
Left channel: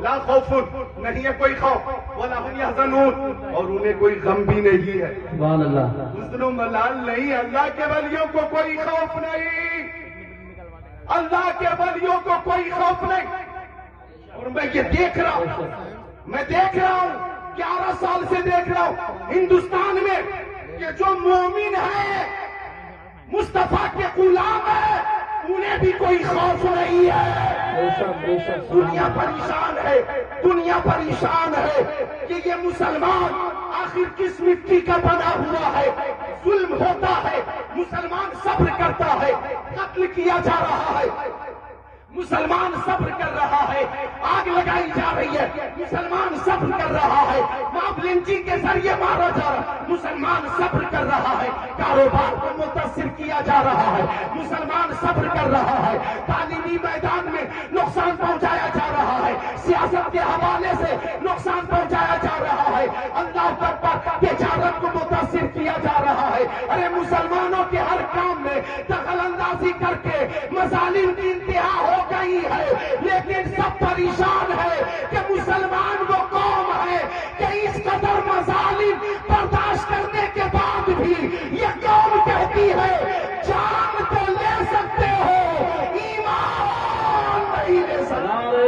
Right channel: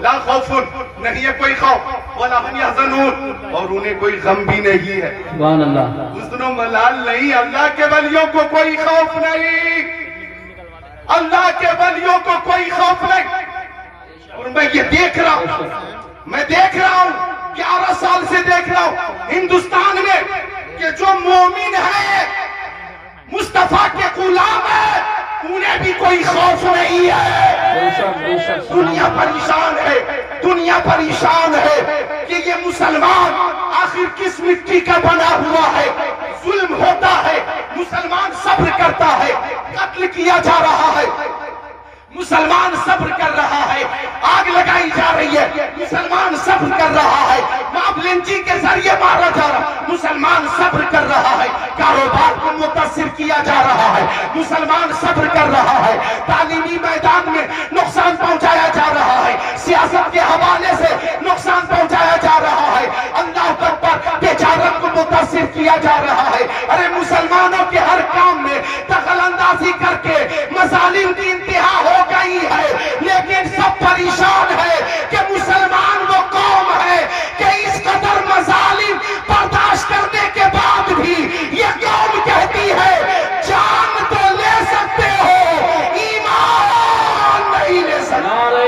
لا خوف نہیں ہے کوئی خوف ولا هم يحزنون، اور انہیں کوئی غم بھی نہیں ہے۔ سبحان اللہ، حزن و ملال نہیں، اللہ کے ولیوں کو کوئی خوف نہیں، اللہ کے ولیوں کو کوئی خوف نہیں۔ اور میں یہ دیکھ رہا ہوں، میں دیکھ رہا ہوں 11 سال سے دیکھ رہا ہوں ہندوستان میں کہ جو مومن ہے، مصطفیٰ کے غلام ہے، انہیں بھی کوئی خوف نہیں ہے۔ دنیا پریشان ہے، دنیا پریشان ہے کہ یہ مسلمان آخر کس مٹی کا بنا ہوا ہے۔ ظلم ہوتا ہے، مسلمان صبر کرتا ہے، قتل کیا جا رہا ہے، مسلمان صبر کر رہا ہے، آگ لگائی جا رہی ہے، مسلمان صبر کر رہا ہے، ماب لنچی کے ذریعے مارا جا رہا، مسلمان صبر کر رہا ہے، کاروبار کو متاثر کیا جا رہا ہے، مسلمان صبر کر رہا ہے، تعلیمی میدان میں نقصان پہنچایا جا رہا ہے، سیاست کے حوالے سے نقصان پہنچایا جا رہا ہے، اللہ اکبر بیچاروں کو متاثر کیا جا رہا ہے۔ ارے مسلمانوں کے ہر کام میں دخل اندازی کر کے مظالم کی انتہا ہو گئی ہے، لیکن سب پریشان ہے کہ مسلمان وہ قوم ہے کہ اس قدر مظالم برداشت کرنے کے بعد بھی یہ قوم کہتی ہے جان تو لے سکتے ہو، ایمان نہیں لے سکتے۔ نعرہ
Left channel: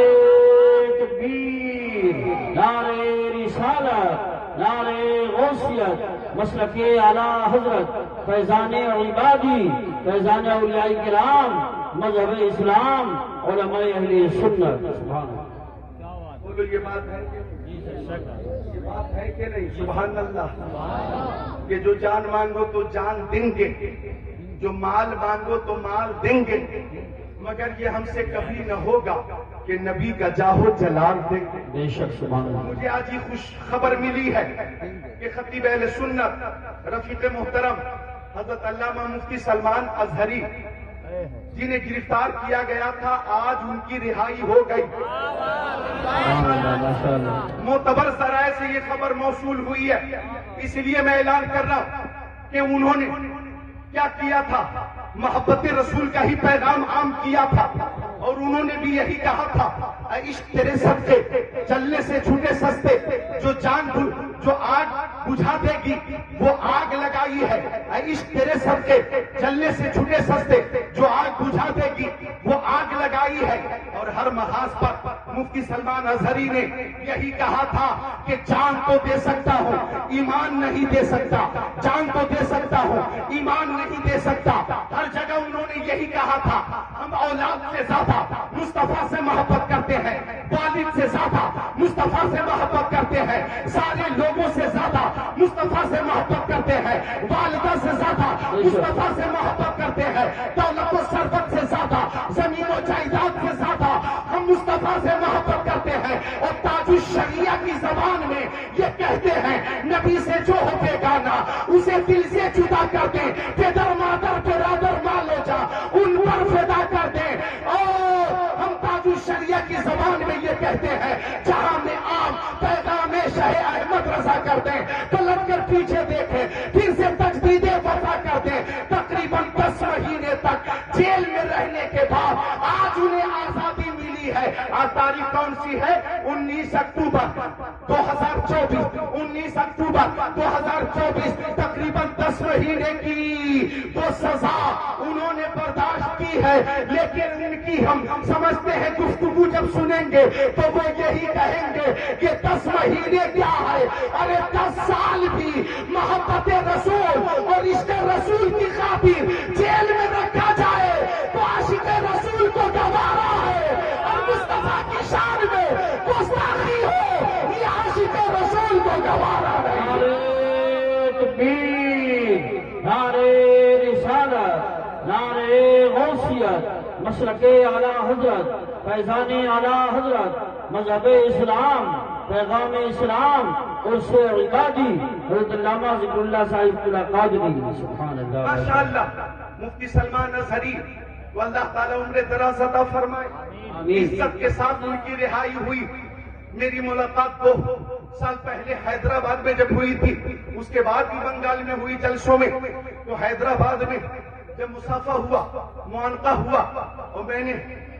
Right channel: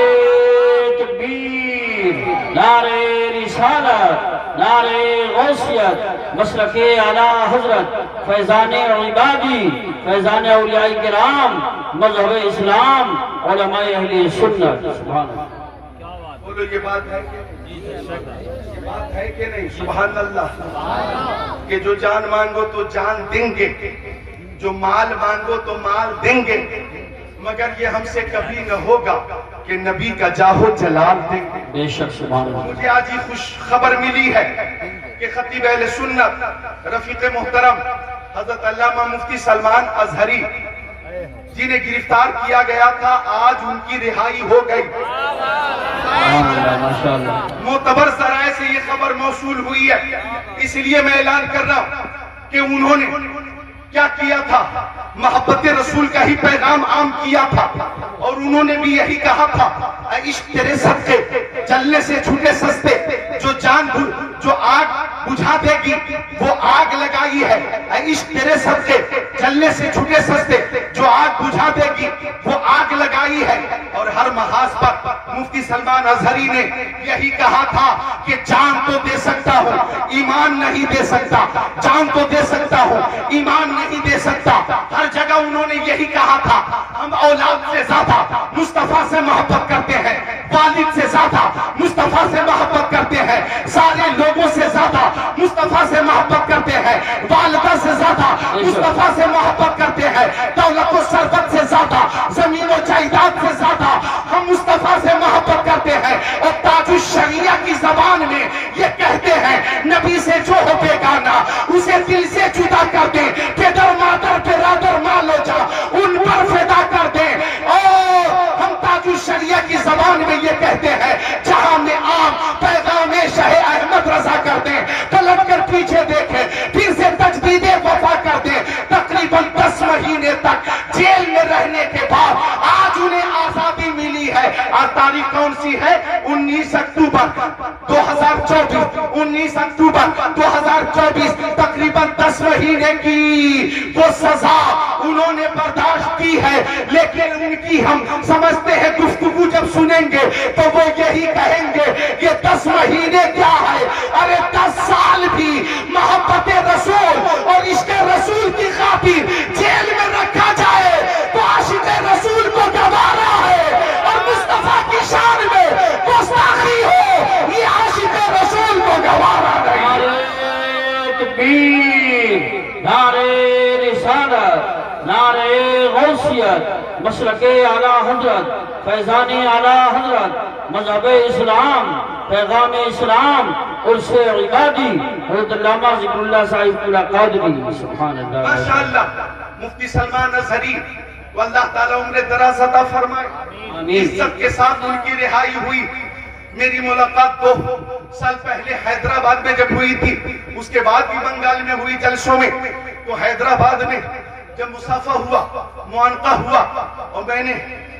تکبیر، نعرہ رسالت، نعرہ غوثیت، مسلک اعلیٰ حضرت فیضان عبادی، فیضان اولیاء کرام، مذہب اسلام، علماء اہل سنت۔ سبحان اللہ، بولو یہ بات ہے کہ یہ بات ہے کہ نہیں؟ سبحان اللہ، کہ جو جان مانگو تو جان دیں گے، جو مال مانگو تو مال دیں گے، مگر یہ ہم سے کبھی نہ ہوگا کہ نبی کا جاہو جلال دیں گے۔ بے شک سبحان اللہ۔ مجھے آج ہی خوش خبر ملی ہے کہ خطیب اہل سنت رفیق محترم حضرت علامہ مفتی سلمان ازہری جنہیں گرفتار کیا گیا تھا، آج ان کی رہائی ہو گئی۔ معتبر ذرائع سے یہ خبر موصول ہوئی ہے، اس لیے میں اعلان کر رہا ہوں کہ انہوں نے کیا کیا تھا، محبت رسول کا ہی پیغام عام کیا تھا، اور انہوں نے بھی یہی کہا تھا، اے عشق تیرے صدقے جلنے سے چھوٹے سستے، جو آگ بجھا دے گی وہ آگ لگائی ہے، اے عشق تیرے صدقے جلنے سے چھوٹے سستے، جو آگ بجھا دے گی وہ آگ لگائی ہے۔ اور ہر محاذ پر مفتی سلمان ازہری نے یہی کہا تھا کہ جان تو دے سکتا ہوں، ایمان نہیں دے سکتا، جان تو دے سکتا ہوں، ایمان نہیں دے سکتا۔ ہر جگہ انہوں نے یہی کہا تھا، ہم اولاد سے زیادہ مصطفیٰ سے محبت کرتے ہیں، والد سے زیادہ مصطفیٰ سے محبت کرتے ہیں، سارے لوگوں سے زیادہ مصطفیٰ سے محبت کرتے ہیں، والدہ سے زیادہ مصطفیٰ سے محبت کرتے ہیں، دولت و ثروت سے زیادہ، زمین و جائیداد سے زیادہ ہم مصطفیٰ سے محبت کرتے ہیں۔ اور تاج الشریعہ کی زبان میں یہ کہتے ہیں، نبی سے جو ہو بیگانہ اسے دل سے جدا کر دیں، پدر مادر برادر مال و جا ان پر فدا کر دیں۔ اور ہم تاج الشریعہ کی زبان میں یہ کہتے ہیں، جہاں میں عام پیغام شاہ احمد رضا کر دیں، پلٹ کر پیچھے دیکھیں، پھر سے تجدید وفا کر دیں۔ تقریباً 10 مہینے تک جیل میں رہنے کے بعد آج انہیں آزادی ملی ہے۔ آج تاریخ کون سی ہے؟ 19 اکتوبر 2024، 19 اکتوبر 2024، تقریباً 10 مہینے کی وہ سزا انہوں نے برداشت کی ہے، لیکن ان کی ہم سمجھتے ہیں گفتگو جب سنیں گے تو وہ یہی کہیں گے کہ 10 مہینے کیا ہے، ارے 10 سال بھی محبت رسول اور عشق رسول کی خاطر جیل میں رکھا جائے تو عاشق رسول کو گوارا ہے، اور مصطفیٰ کی شان میں گستاخی ہو یہ عاشق رسول کو گوارا نہیں۔ نعرہ تکبیر، نعرہ رسالت، نعرہ غوثیت، مسلک اعلیٰ حضرت فیضان اعلیٰ حضرت، مذہب اسلام، پیغام اسلام عرص عبادی حضرت علامہ ذکر اللہ صاحب اللہ قادری سبحان اللہ ماشاءاللہ مفتی سلمان اظہری و اللہ تعالیٰ عمر دراز عطا فرمائے عزت کے ساتھ ان کی رہائی ہوئی میری ملاقات 2 سال پہلے حیدرآباد میں جب ہوئی تھی اس کے بعد بھی بنگال میں ہوئی جلسوں میں تو حیدرآباد میں جب مصافحہ ہوا معانقہ ہوا اور میں نے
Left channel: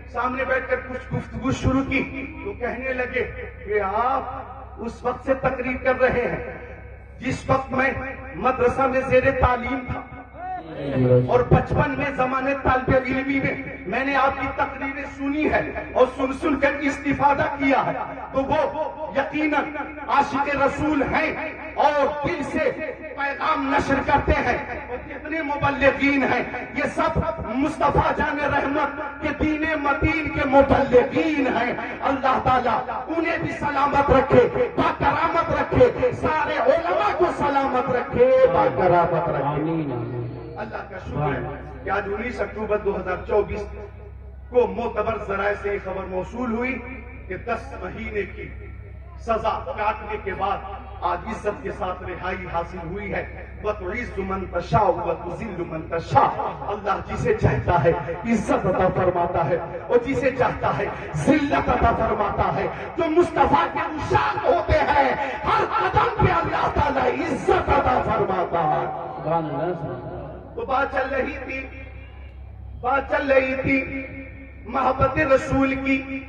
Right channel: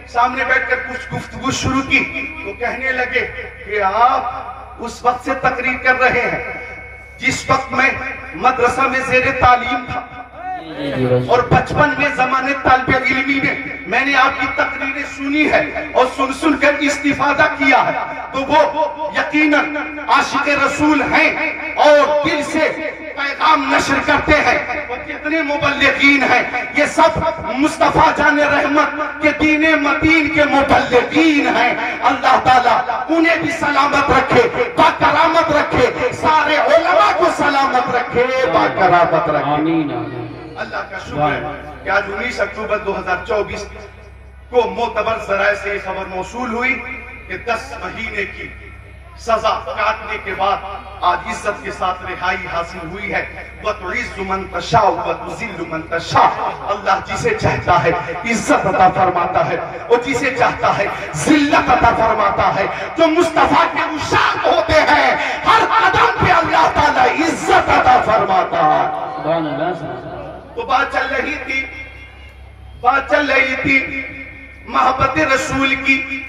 سامنے بیٹھ کر کچھ گفتگو شروع کی تو کہنے لگے کہ آپ اس وقت سے تقریر کر رہے ہیں جس وقت میں مدرسہ میں زیر تعلیم تھا اور 55 میں زمانے طالب علمی میں نے آپ کی تقریریں سنی ہے اور سن کر استفادہ کیا ہے تو وہ یقیناً عاشق رسول ہیں اور دل سے پیغام نشر کرتے ہیں اور کتنے مبلغین ہیں یہ سب مصطفیٰ جان رحمت کے دین متین کے مبلغین ہیں اللہ تعالیٰ انہیں بھی سلامت رکھے باکرامت رکھے سارے علماء کو سلامت رکھے باکرامت رکھے آمین آمین اللہ کا شکر ہے کہ آج 19 اکتوبر 2024 کو معتبر ذرائع سے خبر موصول ہوئی کہ 10 مہینے کی سزا کاٹنے کے بعد آج عزت کے ساتھ رہائی حاصل ہوئی ہے وَتُعِزُّ مَن تَشَاءُ وَتُذِلُّ مَن تَشَاءُ اللہ جسے چاہتا ہے عزت عطا فرماتا ہے اور جسے چاہتا ہے ذلت عطا فرماتا ہے جو مصطفیٰ کے عشاق ہوتے ہیں ہر قدم پہ اللہ تعالیٰ عزت عطا فرماتا ہے سبحان اللہ تو بات چل رہی تھی محبت رسول کی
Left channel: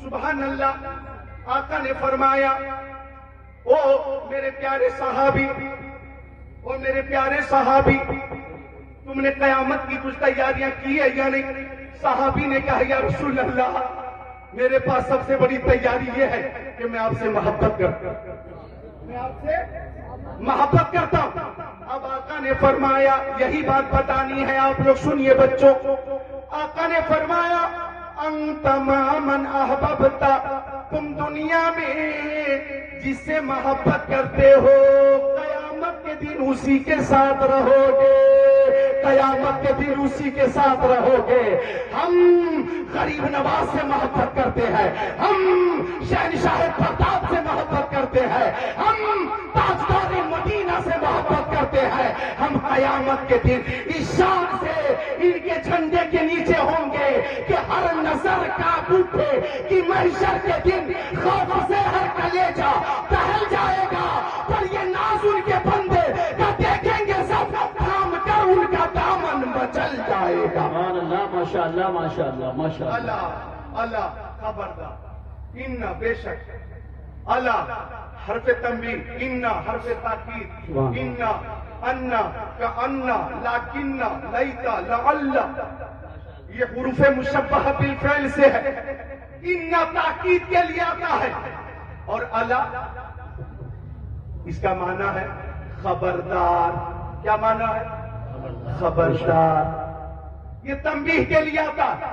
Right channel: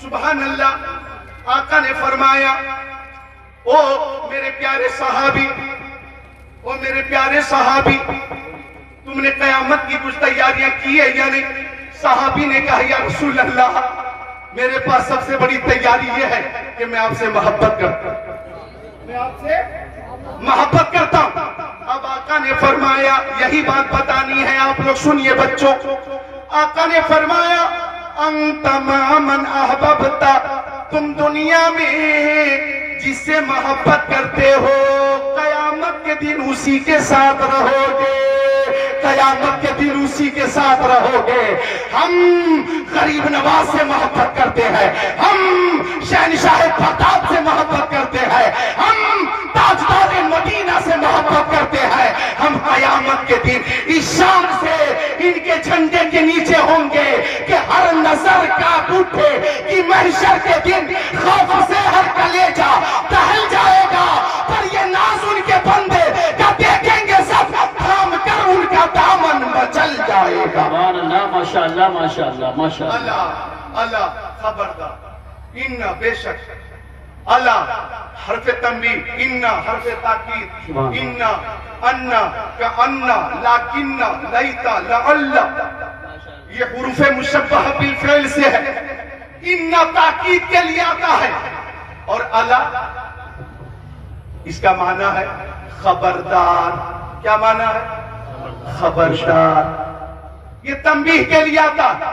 سبحان اللہ آقا نے فرمایا او میرے پیارے صحابی تم نے قیامت کی کچھ تیاریاں کی ہے یا نہیں صحابی نے کہا یا رسول اللہ میرے پاس سب سے بڑی تیاری یہ ہے کہ میں آپ سے محبت کرتا ہوں اب آقا نے فرمایا یہی بات بتانی ہے آپ لوگ سنیے بچوں آقا نے فرمایا انت مع من احببتا تم دنیا میں جس سے محبت کرتے ہو قیامت کے دن اسی کے ساتھ رہو گے قیامت کے دن اسی کے ساتھ رہو گے ہم غریب نواز سے محبت کرتے ہیں ہم شہنشاہ بغداد سے محبت کرتے ہیں ہم تاجدار مدینہ سے محبت کرتے ہیں ہم قیامت کے دن اس شان سے ان کے جھنڈے کے نیچے ہوں گے کہ ہر نظر کانپ اٹھے کہ محشر کے دن خوف سے ہر کلیجہ دہل جائے گا پر یہ ناز ان کے بندے کا دیکھیں گے سب تھام کر ان کا دامن مچل جائے گا سبحان اللہ ماشاءاللہ ماشاءاللہ ماشاءاللہ اللہ خبردار ان بے شک اللہ حرف تنبیہ ان حرف تاکید ان کأن لیکن لیت لعل یہ حروف مشبہ بالفعل سے ہے ان تاکید کے لیے آتا ہے اور اللہ اس کا معنی ہے خبردار کیا معنی ہے خبردار یہ تنبیہ کے لیے آتا ہے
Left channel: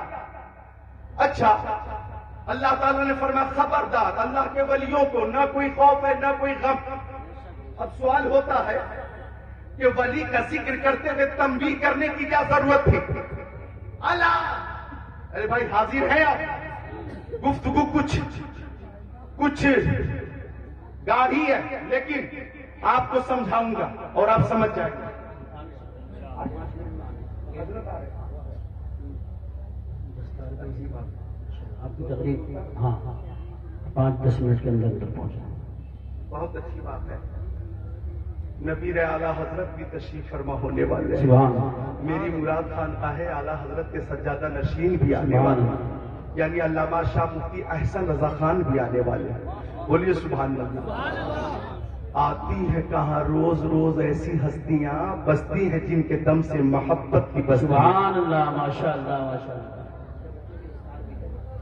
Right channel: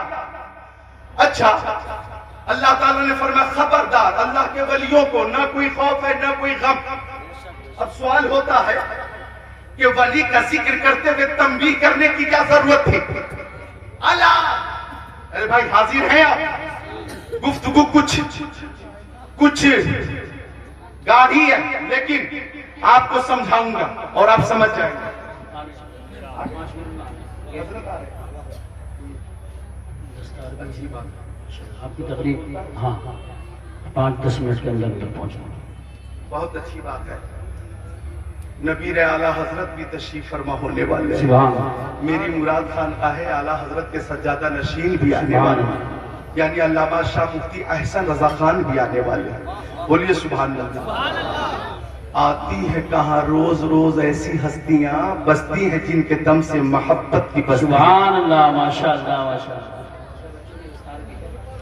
اچھا اللہ تعالیٰ نے فرمایا خبردار اللہ کے ولیوں کو نہ کوئی خوف ہے نہ کوئی غم اب سوال ہوتا ہے کہ ولی کا ذکر کرتے ہوئے تنبیہ کرنے کی کیا ضرورت تھی اللہ ارے بھائی حاضر ہیں آپ گفتگو کچھ گاڑی ہے لیکن آپ کو سمجھاؤں گا اور آپ سمجھ جائیں گے آپ کی تقریب ہاں 5-10 منٹ کے اندر پہنچوں بہت اچھی بات ہے نبی اعلیٰ حضرت بھی تشریف فرما ہونے والے ہیں سبحان اللہ میری مراد خانقاہ اعلیٰ حضرت کے سجادہ نشین بھی آنے والے ہیں یعنی علامہ شاہ مفتی احسن رضا خان بھی آنے والے ہیں بولیے سبحان اللہ آتی ہے کہاں روز روز ایسی ہستیاں بستی ہیں جن کے دم سے محبت کی بستی سبحان اللہ ماشاءاللہ ماشاءاللہ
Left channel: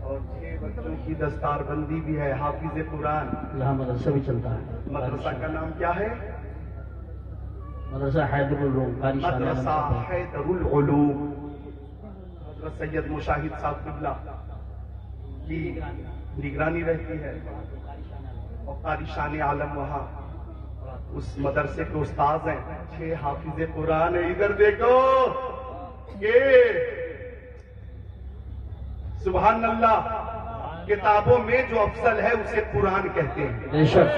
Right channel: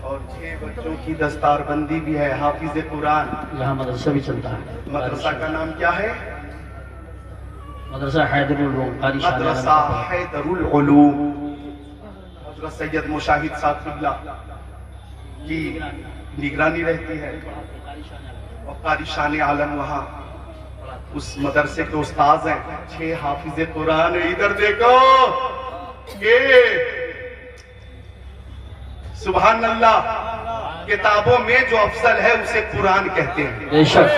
اور 6 بچوں کی دستار بندی بھی ہے حافظ قرآن یہاں مدرسہ بھی چلتا ہے مدرسہ کا نام کیا ہے مدرسہ حیدر العلوم قاری شاہ مدرسہ حیدر العلوم حضرت سید مشاہد صاحب قبلہ کی نگرانی رہتی ہے اور قاری شان عالم وہاں اس مدرسے کے استاذ ہیں 6 حافظ قرآن ادھر دیکھو یہ سبحان اللہ کتابوں میں جو افضل ہے اسے قرآن کہتے ہیں، بے شک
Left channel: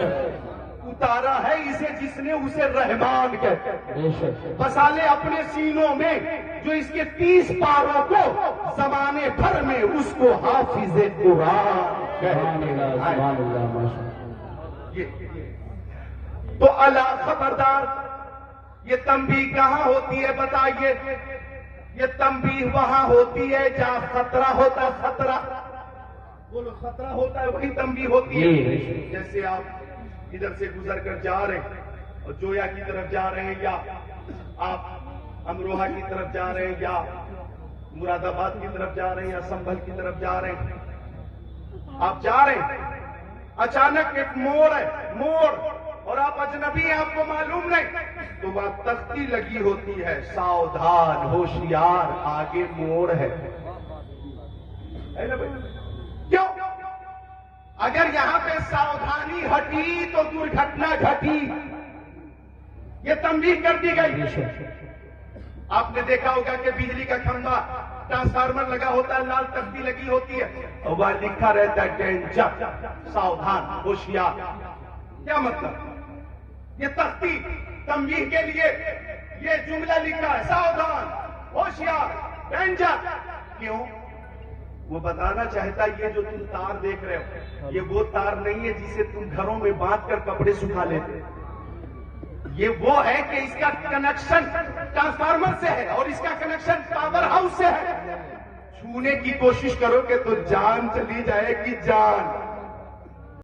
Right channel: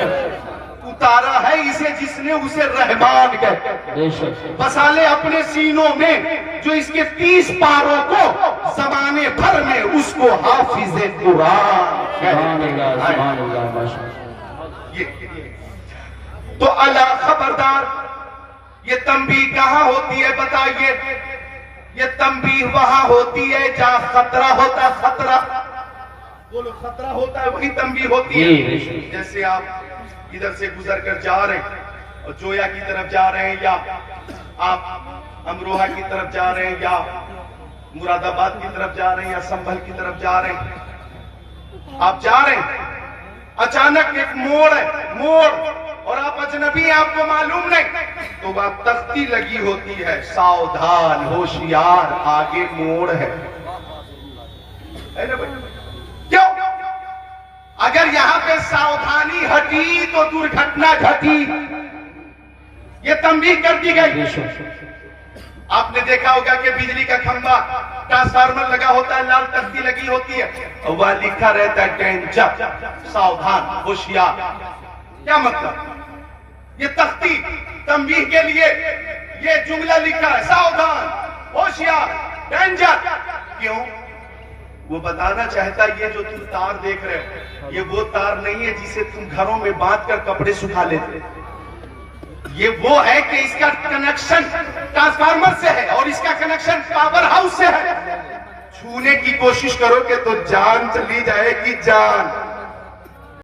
اتارا ہے اسے جس نے اسے رحمان کہتے ہیں، بے شک بسا لے اپنے سینوں میں جو اس کے 30 پاروں کو زمانے بھر میں اس کو حافظ قرآن سبحان کہتے اللہ ہیں۔ سبحان اللہ ماشاء اللہ۔ یہ تو اللہ خبردار، یہ تنبیہ کہاں ہوتی ہے بتائیے؟ یہ تنبیہ وہاں ہوتی ہے جہاں خطرہ ہوتا ہے، خطرہ بولو، خطرہ ہوتا ہے وہی تنبیہ ہوتی ہے۔ جیسے آپ ادھر سے گزر کر جا رہے ہیں اور جویا کی طرف جا رہے ہیں، یا آپ امروہہ کی طرف جا رہے ہیں، یا مراد آباد کی طرف جا رہے ہیں، یا سنبھل کی طرف جا رہے ہیں، آپ جا رہے ہیں، اچانک ایک موڑ ہے، موڑ، اور آپ اجنبی ہیں، آپ کو معلوم نہیں، تو وہاں تختی لگی ہوتی ہے، ساودھان، ہوشیار، آگے موڑ ہے نا بھائی؟ کیوں؟ اگر یہاں پہ ساودھانی ہٹی تو درگھٹنا گھٹی، یہ تنبیہ کر دی گئی۔ آپ نے دیکھا ہوگا کہ بجلی کا کھمبا، ٹرانسفارمر لگا ہوتا ہے، لال تختی لگی ہوتی ہے، اور وہاں لکھا رہتا ہے ڈینجر، ساودھان، ہوشیار۔ کیا مطلب؟ یہ تختی تنبیہ کے لیے یہ جملہ لکھا ہے، ساودھان، ہوشیار، ڈینجر۔ کیوں؟ وہ بتانا چاہتا ہے یہ جو تم تار دیکھ رہے ہو، یہ وہ تار نہیں ہے جسے تم گھروں میں باندھ کر کپڑے سکھا لیتے، یہ وہ ہے کہ اس کا کنیکشن ٹرانسفارمر سے ہے اور اس کا کنیکشن پاور ہاؤس سے ہے۔ چھونے کی کوشش کرو گے تو جان چلی جائے گی، جان۔